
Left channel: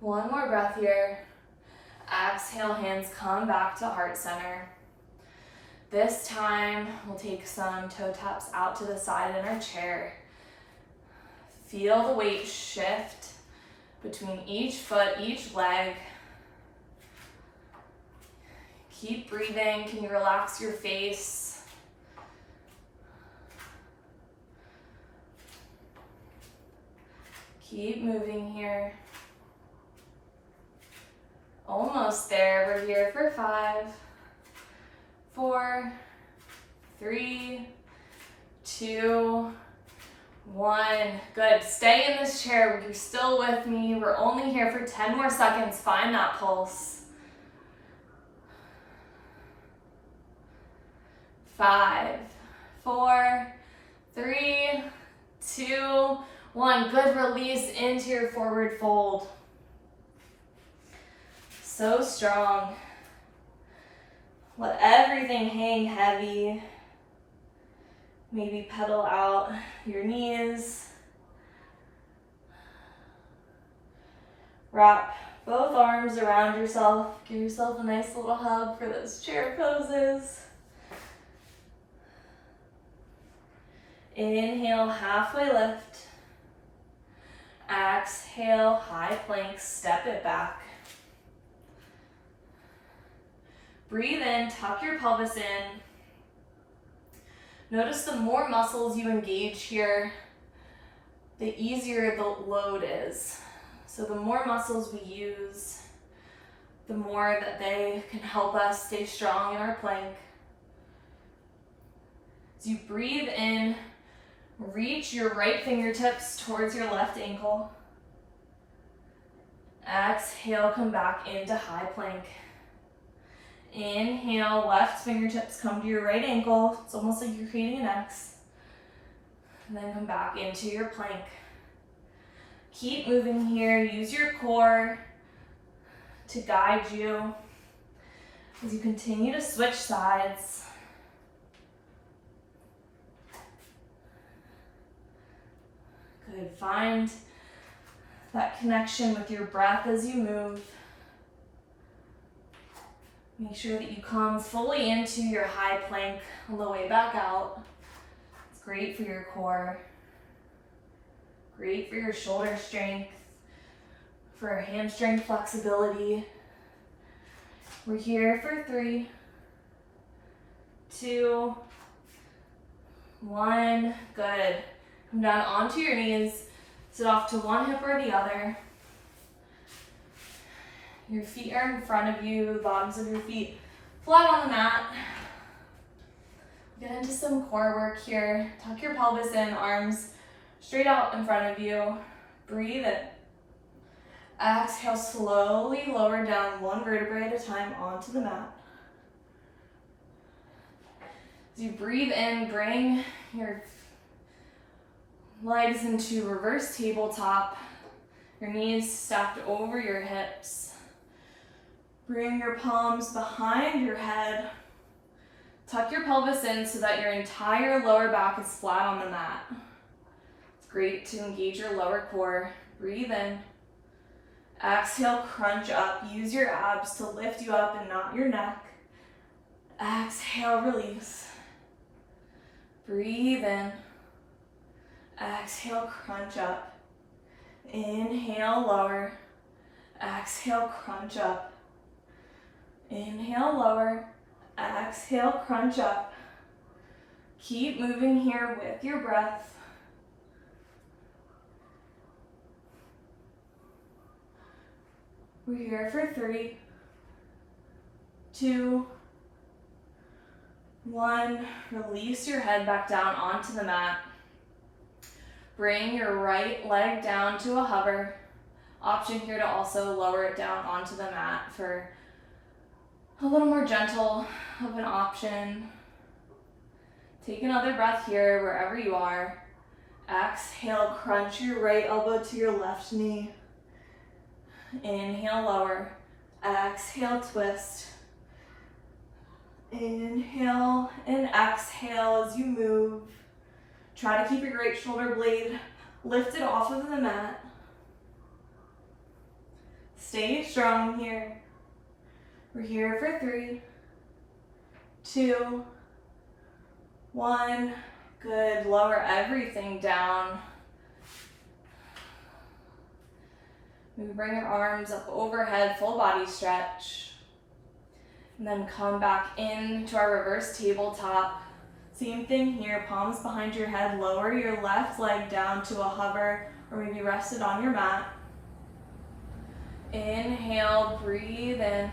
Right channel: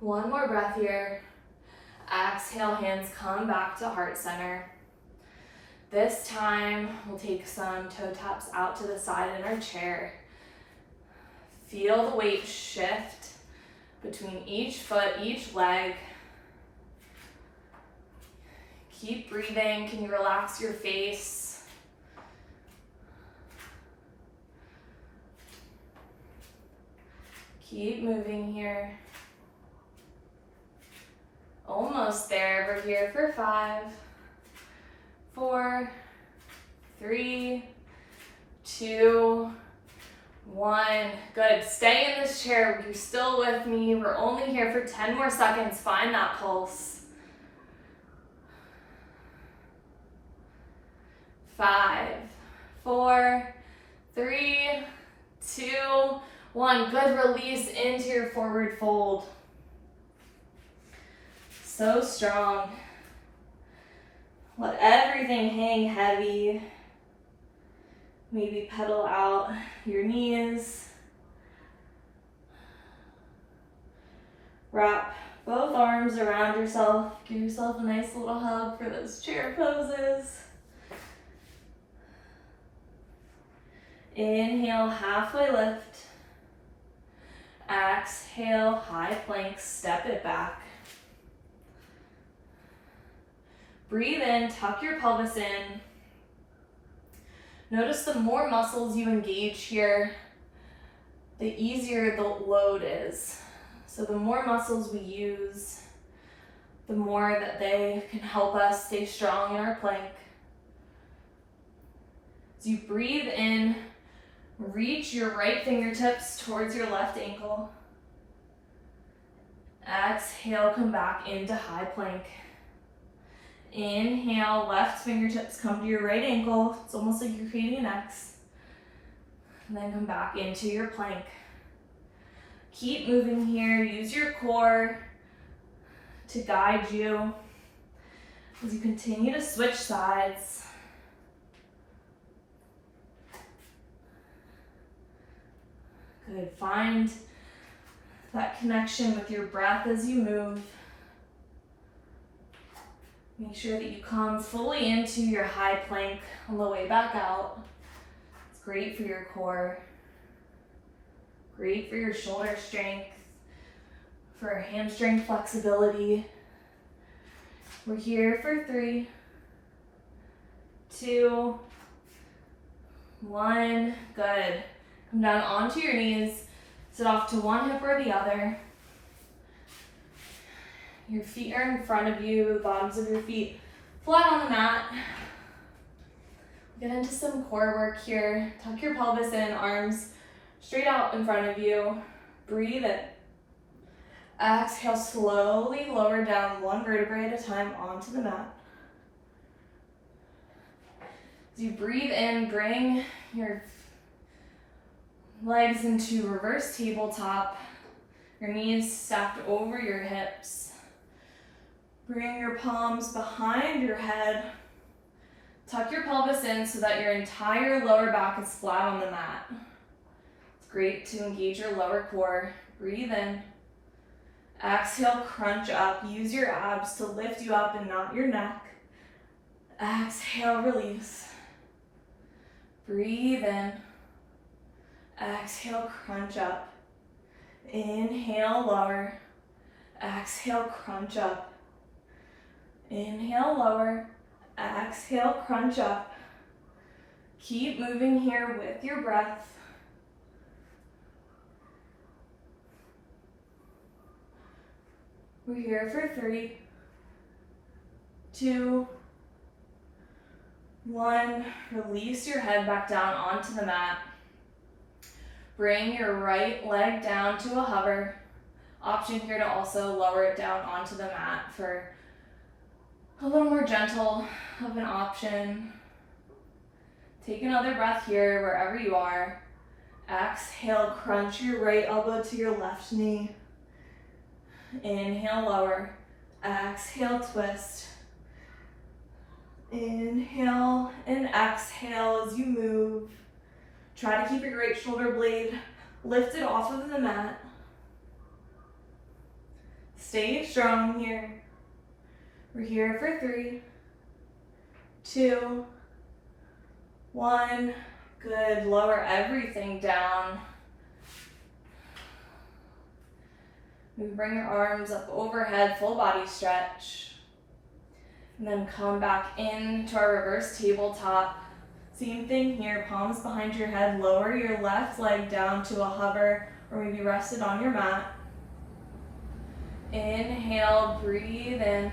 One more breath here. Exhale, hands come back to heart center. This time, we'll take some toe taps out to the side in our chair. Feel the weight shift between each foot, each leg. Keep breathing. Can you relax your face? Keep moving here. Almost there. We're here for 5, 4, 3, 2, 1. Good. Stay in this chair. You're still with me. We're only here for 10 more seconds. Find that pulse. 5, 4, 3, 2, 1. Good. Release into your forward fold. So strong. Let everything hang heavy. Maybe pedal out your knees. Wrap both arms around yourself. Give yourself a nice little hug for those chair poses. Inhale, halfway lift. Exhale, high plank, step it back. Breathe in, tuck your pelvis in. Notice the more muscles you engage here, the easier the load is. So the more muscles we use, the more that they can help us stay strong in our plank. As you breathe in, reach your right fingertips towards your left ankle. Exhale, come back into high plank. Inhale, left fingertips come to your right ankle. It's almost like you're creating an X. And then come back into your plank. Keep moving here. Use your core to guide you as you continue to switch sides. Good. Find that connection with your breath as you move. Make sure that you come fully into your high plank on the way back out. It's great for your core, great for your shoulder strength, for hamstring flexibility. We're here for 3, 2, 1. Good. Come down onto your knees. Sit off to one hip or the other. Your feet are in front of you, the bottoms of your feet flat on the mat. Get into some core work here. Tuck your pelvis in, arms straight out in front of you. Breathe in. Exhale, slowly lower down one vertebrae at a time onto the mat. As you breathe in, bring your legs into reverse tabletop. Your knees stacked over your hips. Bring your palms behind your head. Tuck your pelvis in so that your entire lower back is flat on the mat. It's great to engage your lower core. Breathe in. Exhale, crunch up. Use your abs to lift you up and not your neck. Exhale, release. Breathe in. Exhale, crunch up. Inhale, lower. Exhale, crunch up. Inhale, lower. Exhale, crunch up. Keep moving here with your breath. We're here for 3, 2, 1. Release your head back down onto the mat. Bring your right leg down to a hover. Option here to also lower it down onto the mat for a little more gentle of an option. Take another breath here wherever you are. Exhale, crunch your right elbow to your left knee. Inhale, lower. Exhale, twist. Inhale and exhale as you move. Try to keep your right shoulder blade lifted off of the mat. Stay strong here. We're here for 3, 2, 1. Good. Lower everything down. Maybe bring your arms up overhead, full body stretch. And then come back into our reverse tabletop. Same thing here, palms behind your head. Lower your left leg down to a hover or maybe rest it on your mat. Inhale, breathe in.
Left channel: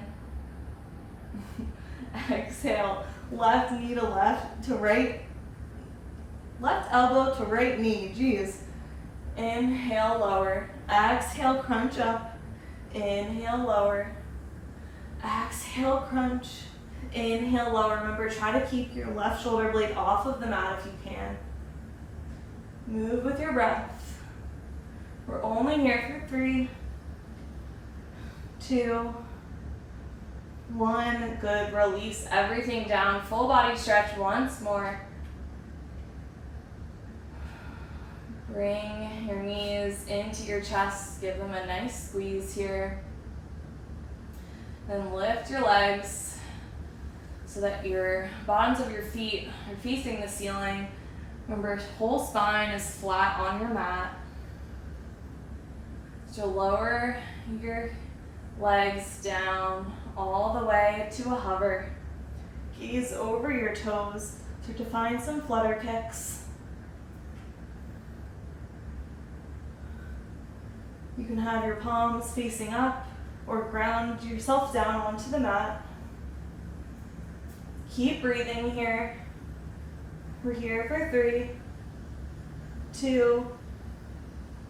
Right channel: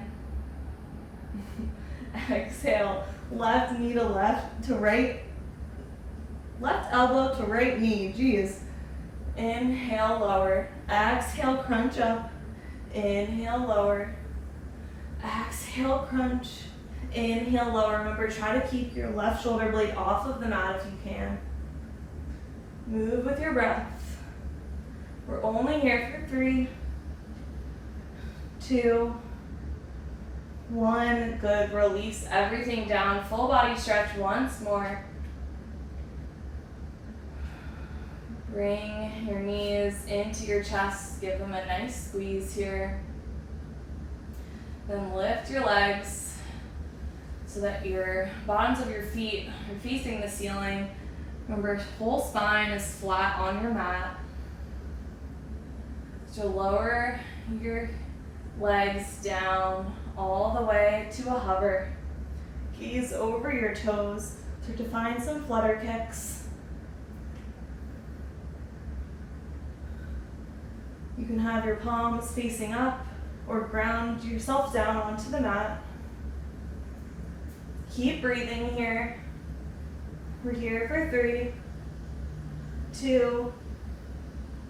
Exhale, left knee to left to right. Left elbow to right knee, geez. Inhale, lower. Exhale, crunch up. Inhale, lower. Exhale, crunch. Inhale, lower. Remember, try to keep your left shoulder blade off of the mat if you can. Move with your breath. We're only here for 3, 2, 1. Good. Release everything down. Full body stretch once more. Bring your knees into your chest. Give them a nice squeeze here. Then lift your legs so that your bottoms of your feet are facing the ceiling. Remember, whole spine is flat on your mat. So lower your legs down all the way to a hover. Gaze over your toes. Start to find some flutter kicks. You can have your palms facing up or ground yourself down onto the mat. Keep breathing here. We're here for 3, 2,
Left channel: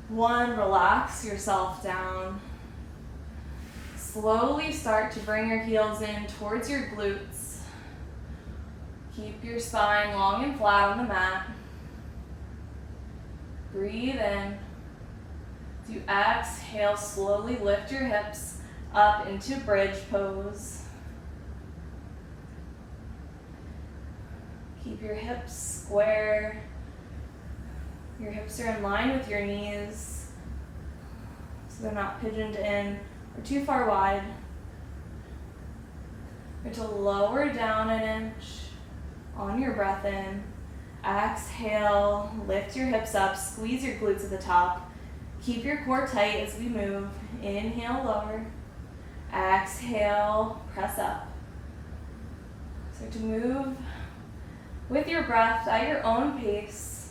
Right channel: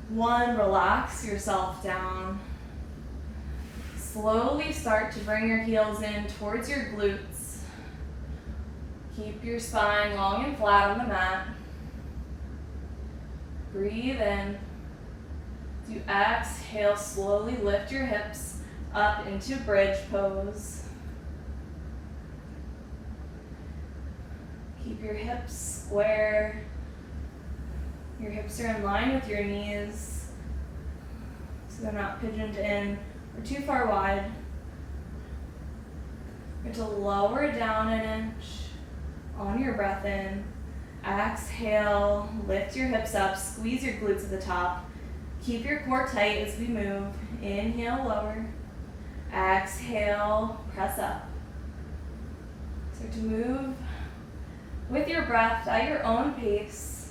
1. Relax yourself down. Slowly start to bring your heels in towards your glutes. Keep your spine long and flat on the mat. Breathe in. As you exhale, slowly lift your hips up into bridge pose. Keep your hips square. Your hips are in line with your knees, so they're not pigeoned in or too far wide. You're to lower down an inch on your breath in. Exhale, lift your hips up, squeeze your glutes at the top. Keep your core tight as we move. Inhale, lower. Exhale, press up. Start to move with your breath at your own pace.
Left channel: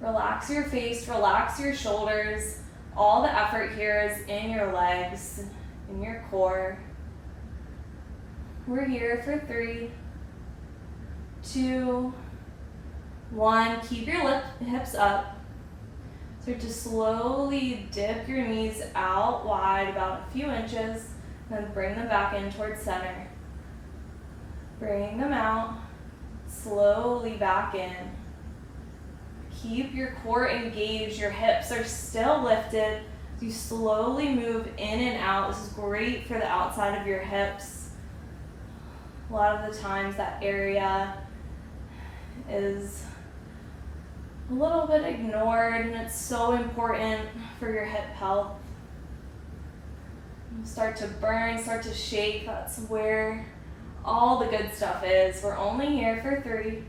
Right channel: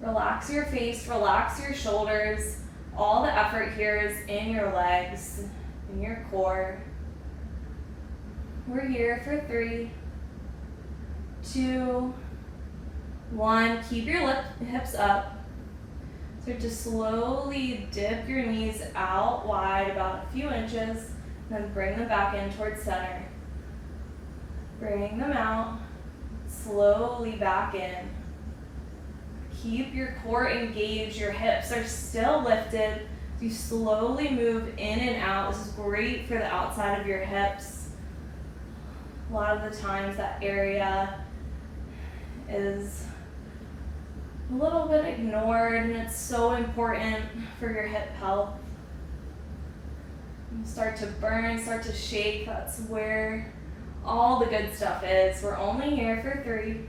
Relax your face, relax your shoulders. All the effort here is in your legs, in your core. We're here for 3, 2, 1. Keep your hips up. Start to slowly dip your knees out wide, about a few inches, then bring them back in towards center. Bring them out, slowly back in. Keep your core engaged, your hips are still lifted. You slowly move in and out. This is great for the outside of your hips. A lot of the times that area is a little bit ignored, and it's so important for your hip health. Start to burn, start to shake. That's where all the good stuff is. We're only here for 3,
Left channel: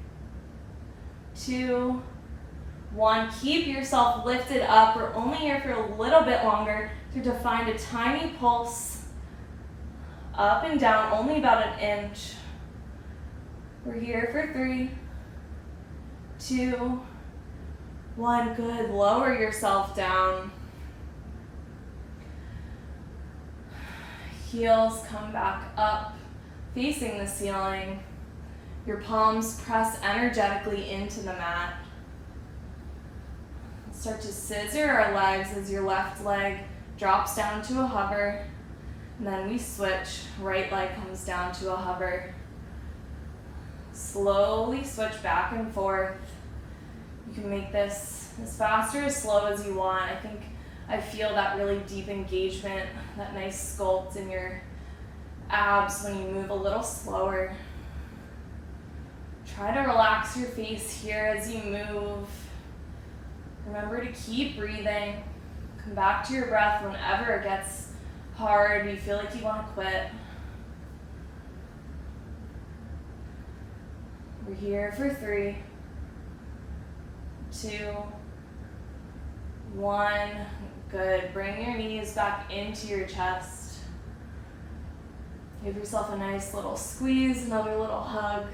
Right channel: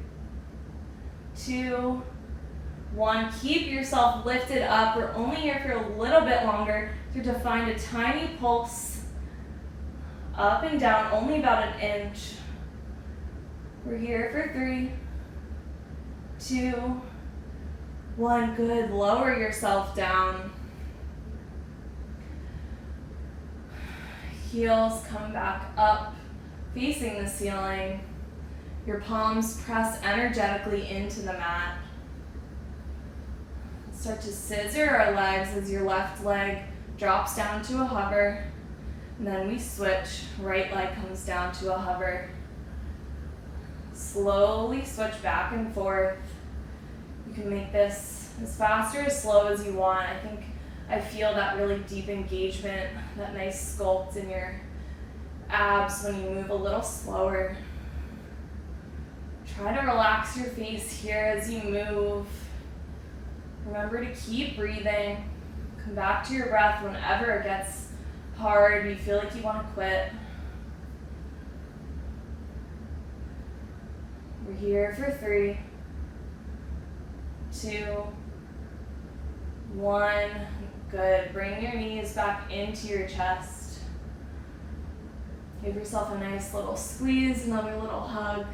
2, 1. Keep yourself lifted up. We're only here for a little bit longer. Start to find a tiny pulse up and down, only about an inch. We're here for 3, 2, 1. Good. Lower yourself down. Heels come back up, facing the ceiling. Your palms press energetically into the mat. Start to scissor our legs as your left leg drops down to a hover. And then we switch. Right leg comes down to a hover. Slowly switch back and forth. You can make this as fast or as slow as you want. I feel that really deep engagement, that nice sculpt in your abs when you move a little slower. Try to relax your face here as you move. Remember to keep breathing. Come back to your breath whenever it gets hard, you feel like you want to quit. We're here for 3, 2, 1. Good. Bring your knees back into your chest. Give yourself a nice little squeeze, another little hug.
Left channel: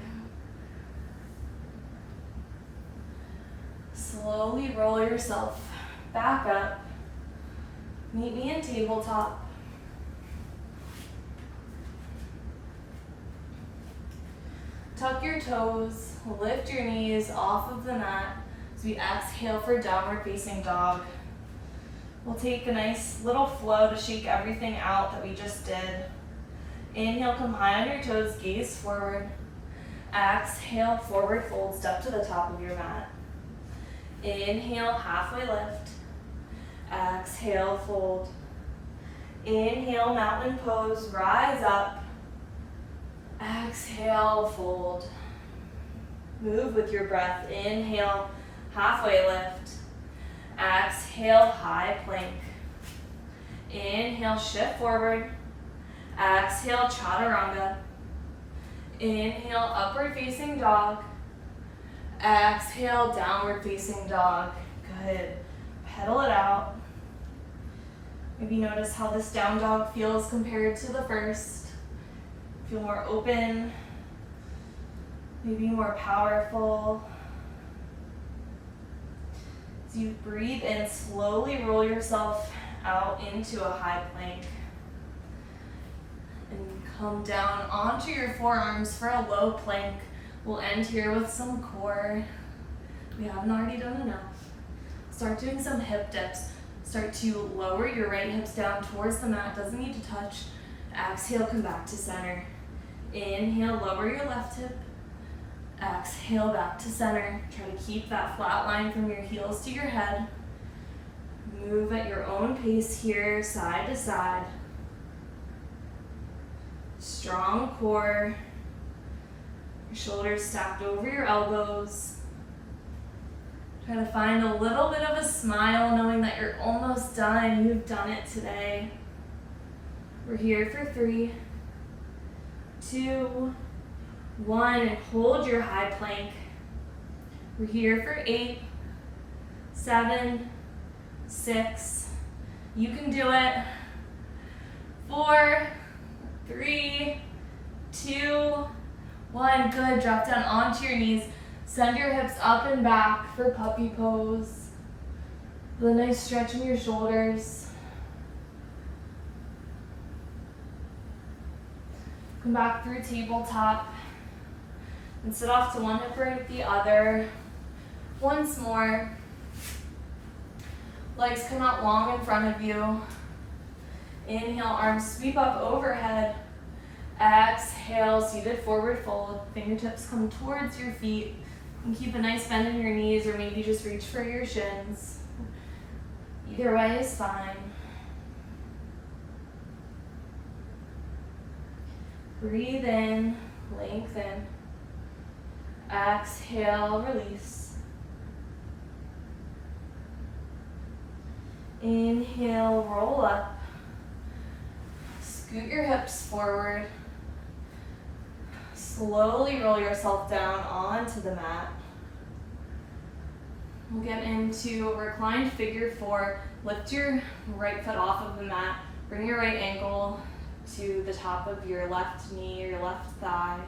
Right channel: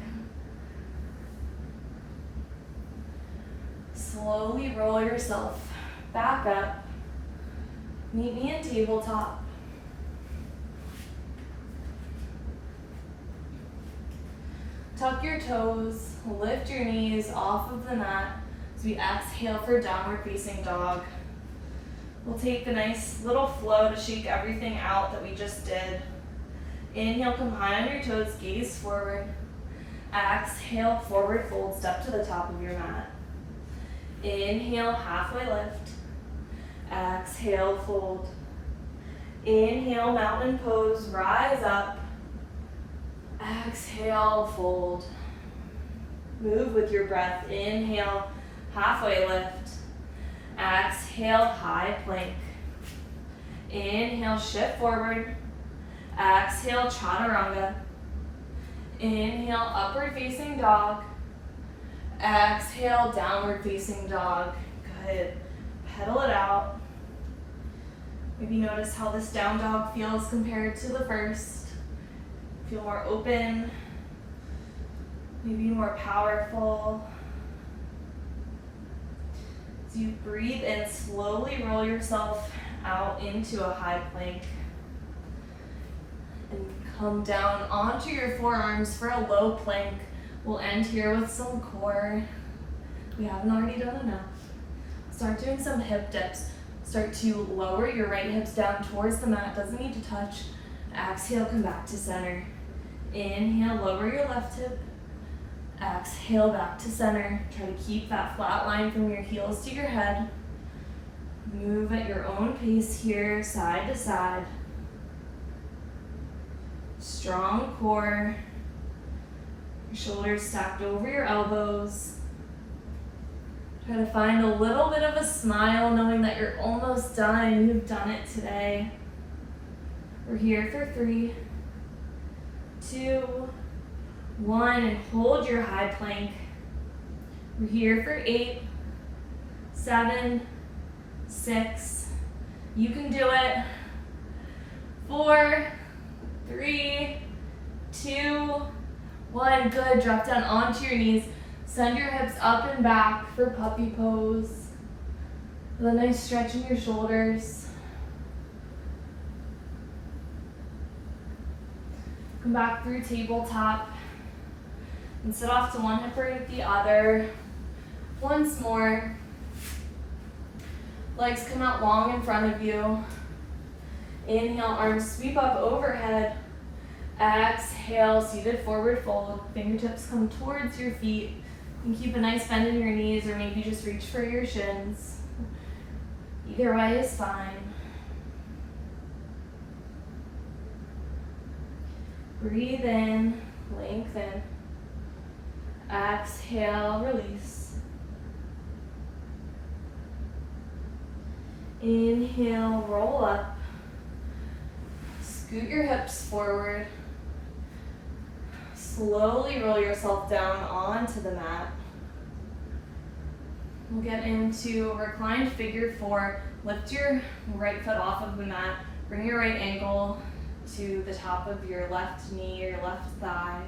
Slowly roll yourself back up. Meet me in tabletop. Tuck your toes, lift your knees off of the mat as we exhale for downward facing dog. We'll take a nice little flow to shake everything out that we just did. Inhale, come high on your toes, gaze forward. Exhale, forward fold, step to the top of your mat. Inhale, halfway lift. Exhale, fold. Inhale, mountain pose, rise up. Exhale, fold. Move with your breath. Inhale, halfway lift. Exhale, high plank. Inhale, shift forward. Exhale, chaturanga. Inhale, upward facing dog. Exhale, downward facing dog. Good. Pedal it out. Maybe notice how this down dog feels compared to the first. Feel more open, maybe more powerful. As you breathe in, slowly roll yourself out into a high plank. And come down onto your forearms for a low plank. We'll end here with some core. We haven't already done enough. Start doing some hip dips. Start to lower your right hips down towards the mat. Doesn't need to touch. Exhale, come back to center. Inhale, lower your left hip. Exhale, back to center. Try to keep that flat line from your heels to your head. Move at your own pace here, side to side. Strong core. Your shoulders stacked over your elbows. Try to find a little bit of a smile, knowing that you're almost done. You've done it today. We're here for 3, 2, 1, and hold your high plank. We're here for 8, 7, 6. You can do it. 4, 3, 2, 1. Good. Drop down onto your knees. Send your hips up and back for puppy pose. With a nice stretch in your shoulders. Come back through tabletop and sit off to one hip or the other. Once more. Legs come out long in front of you. Inhale, arms sweep up overhead. Exhale, seated forward fold. Fingertips come towards your feet. And keep a nice bend in your knees, or maybe just reach for your shins. Either way is fine. Breathe in, lengthen. Exhale, release. Inhale, roll up. Scoot your hips forward. Slowly roll yourself down onto the mat. We'll get into reclined figure four. Lift your right foot off of the mat. Bring your right ankle to the top of your left knee or your left thigh.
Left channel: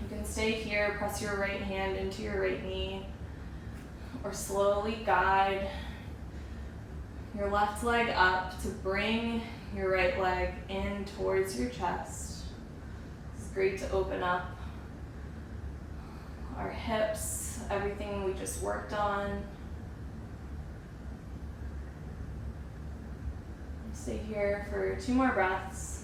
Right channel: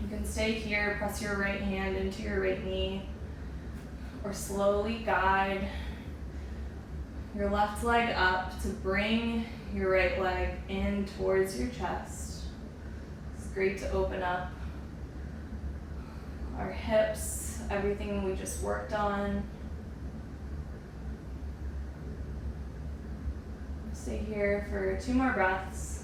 You can stay here, press your right hand into your right knee, or slowly guide your left leg up to bring your right leg in towards your chest. It's great to open up our hips, everything we just worked on. Stay here for 2 more breaths.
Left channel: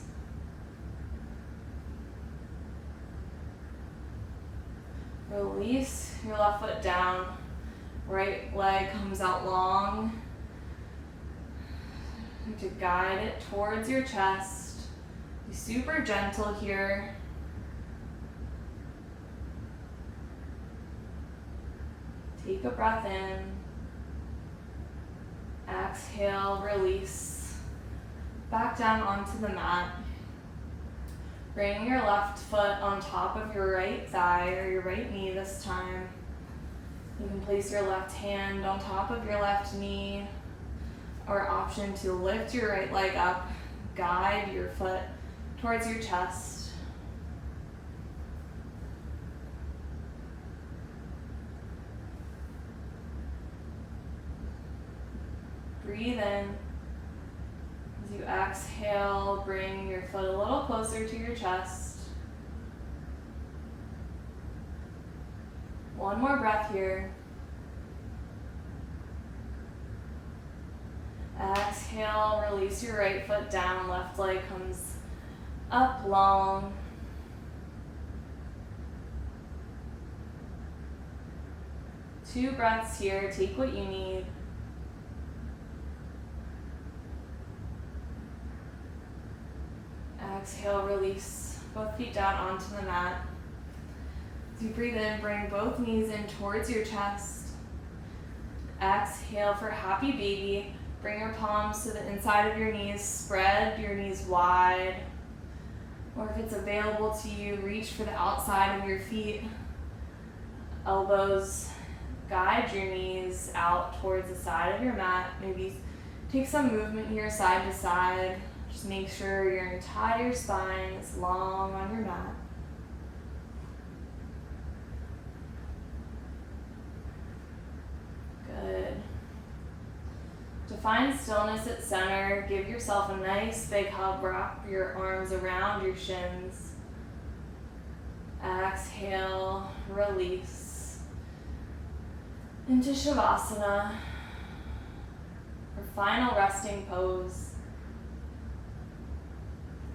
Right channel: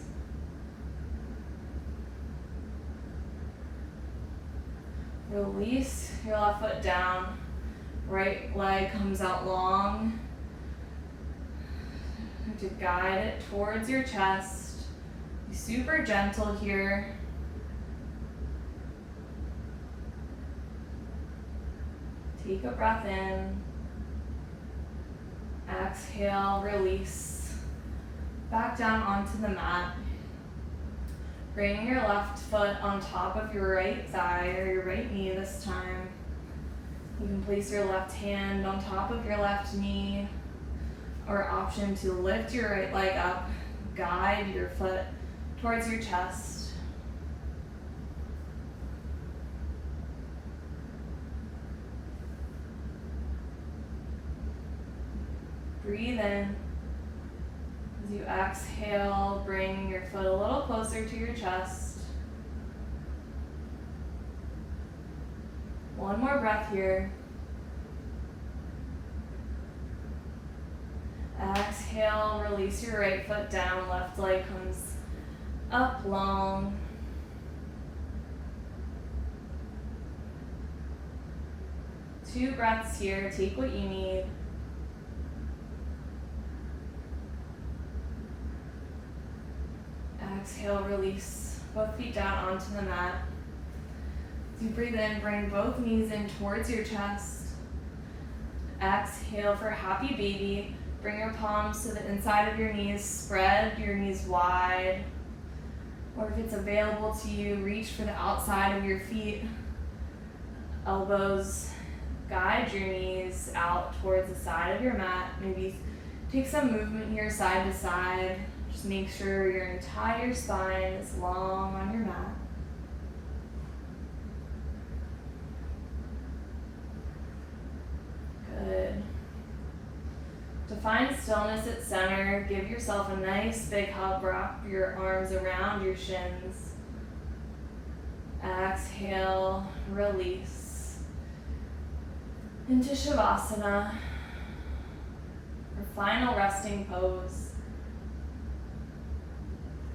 Release your left foot down. Right leg comes out long. To guide it towards your chest. Be super gentle here. Take a breath in. Exhale, release. Back down onto the mat. Bring your left foot on top of your right thigh or your right knee this time. You can place your left hand on top of your left knee, or option to lift your right leg up, guide your foot towards your chest. Breathe in. As you exhale, bring your foot a little closer to your chest. One more breath here. Exhale, release your right foot down, left leg comes up long. Two breaths here, take what you need. Exhale, release both feet down onto the mat. As you breathe in, bring both knees in towards your chest. Exhale for happy baby. Bring your palms to the inside of your knees. Spread your knees wide. Or if it's available to you, reach for the outside of your feet. Elbows guide your knees out towards the side of your mat. Maybe take some movement here side to side. Just make sure your entire spine is long on your mat. Good. To find stillness at center, give yourself a nice big hug. Wrap your arms around your shins. Exhale, release. Into Shavasana, our final resting pose.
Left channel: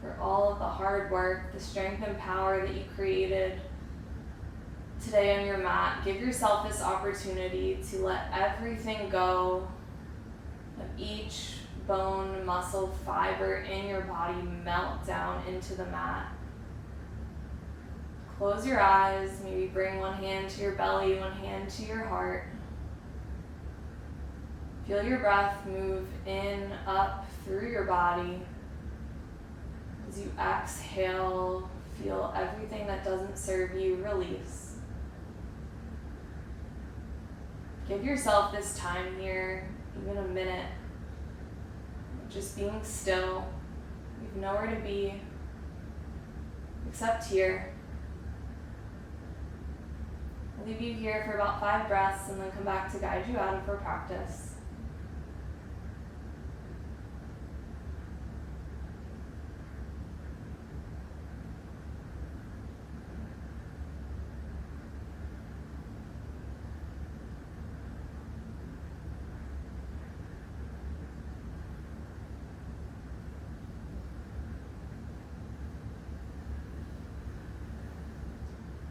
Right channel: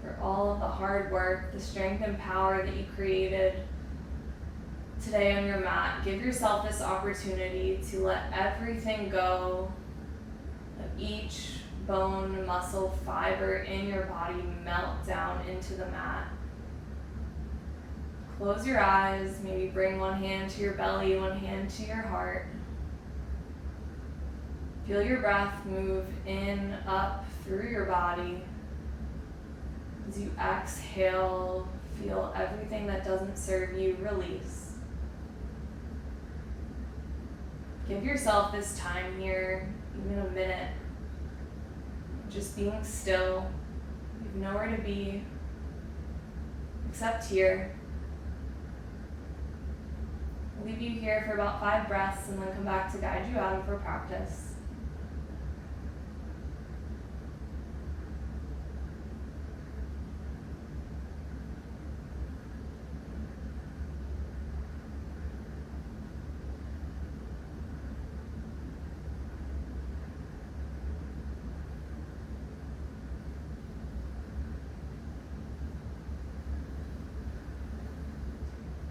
For all of the hard work, the strength and power that you created today on your mat, give yourself this opportunity to let everything go. Of each bone, muscle, fiber in your body melt down into the mat. Close your eyes, maybe bring one hand to your belly, one hand to your heart. Feel your breath move in, up, through your body. As you exhale, feel everything that doesn't serve you release. Give yourself this time here, even a minute, just being still. You have nowhere to be except here. leave you here for about 5 breaths and then come back to guide you out of our practice.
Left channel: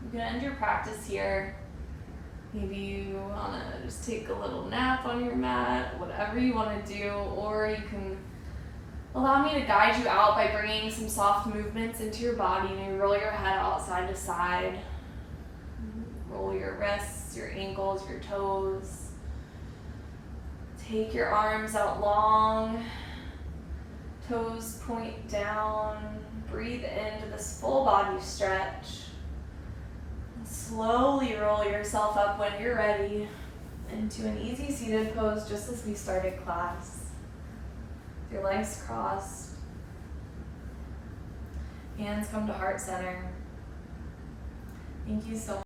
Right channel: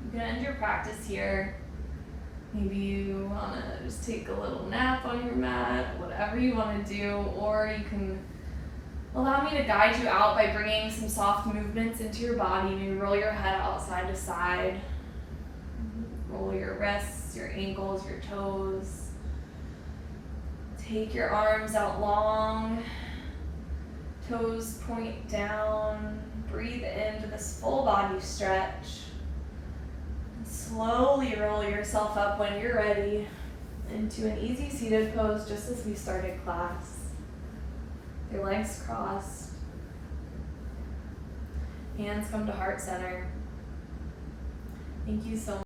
You can end your practice here. Maybe you want to just take a little nap on your mat, whatever you want to do, or you can allow me to guide you out by bringing some soft movements into your body. Maybe roll your head out side to side. Roll your wrists, your ankles, your toes. Take your arms out long. Toes point down. Breathe into this full body stretch. Slowly roll yourself up when you're ready into an easy seated pose, just as we started class. Your legs crossed. Hands come to heart center. Thank you so much.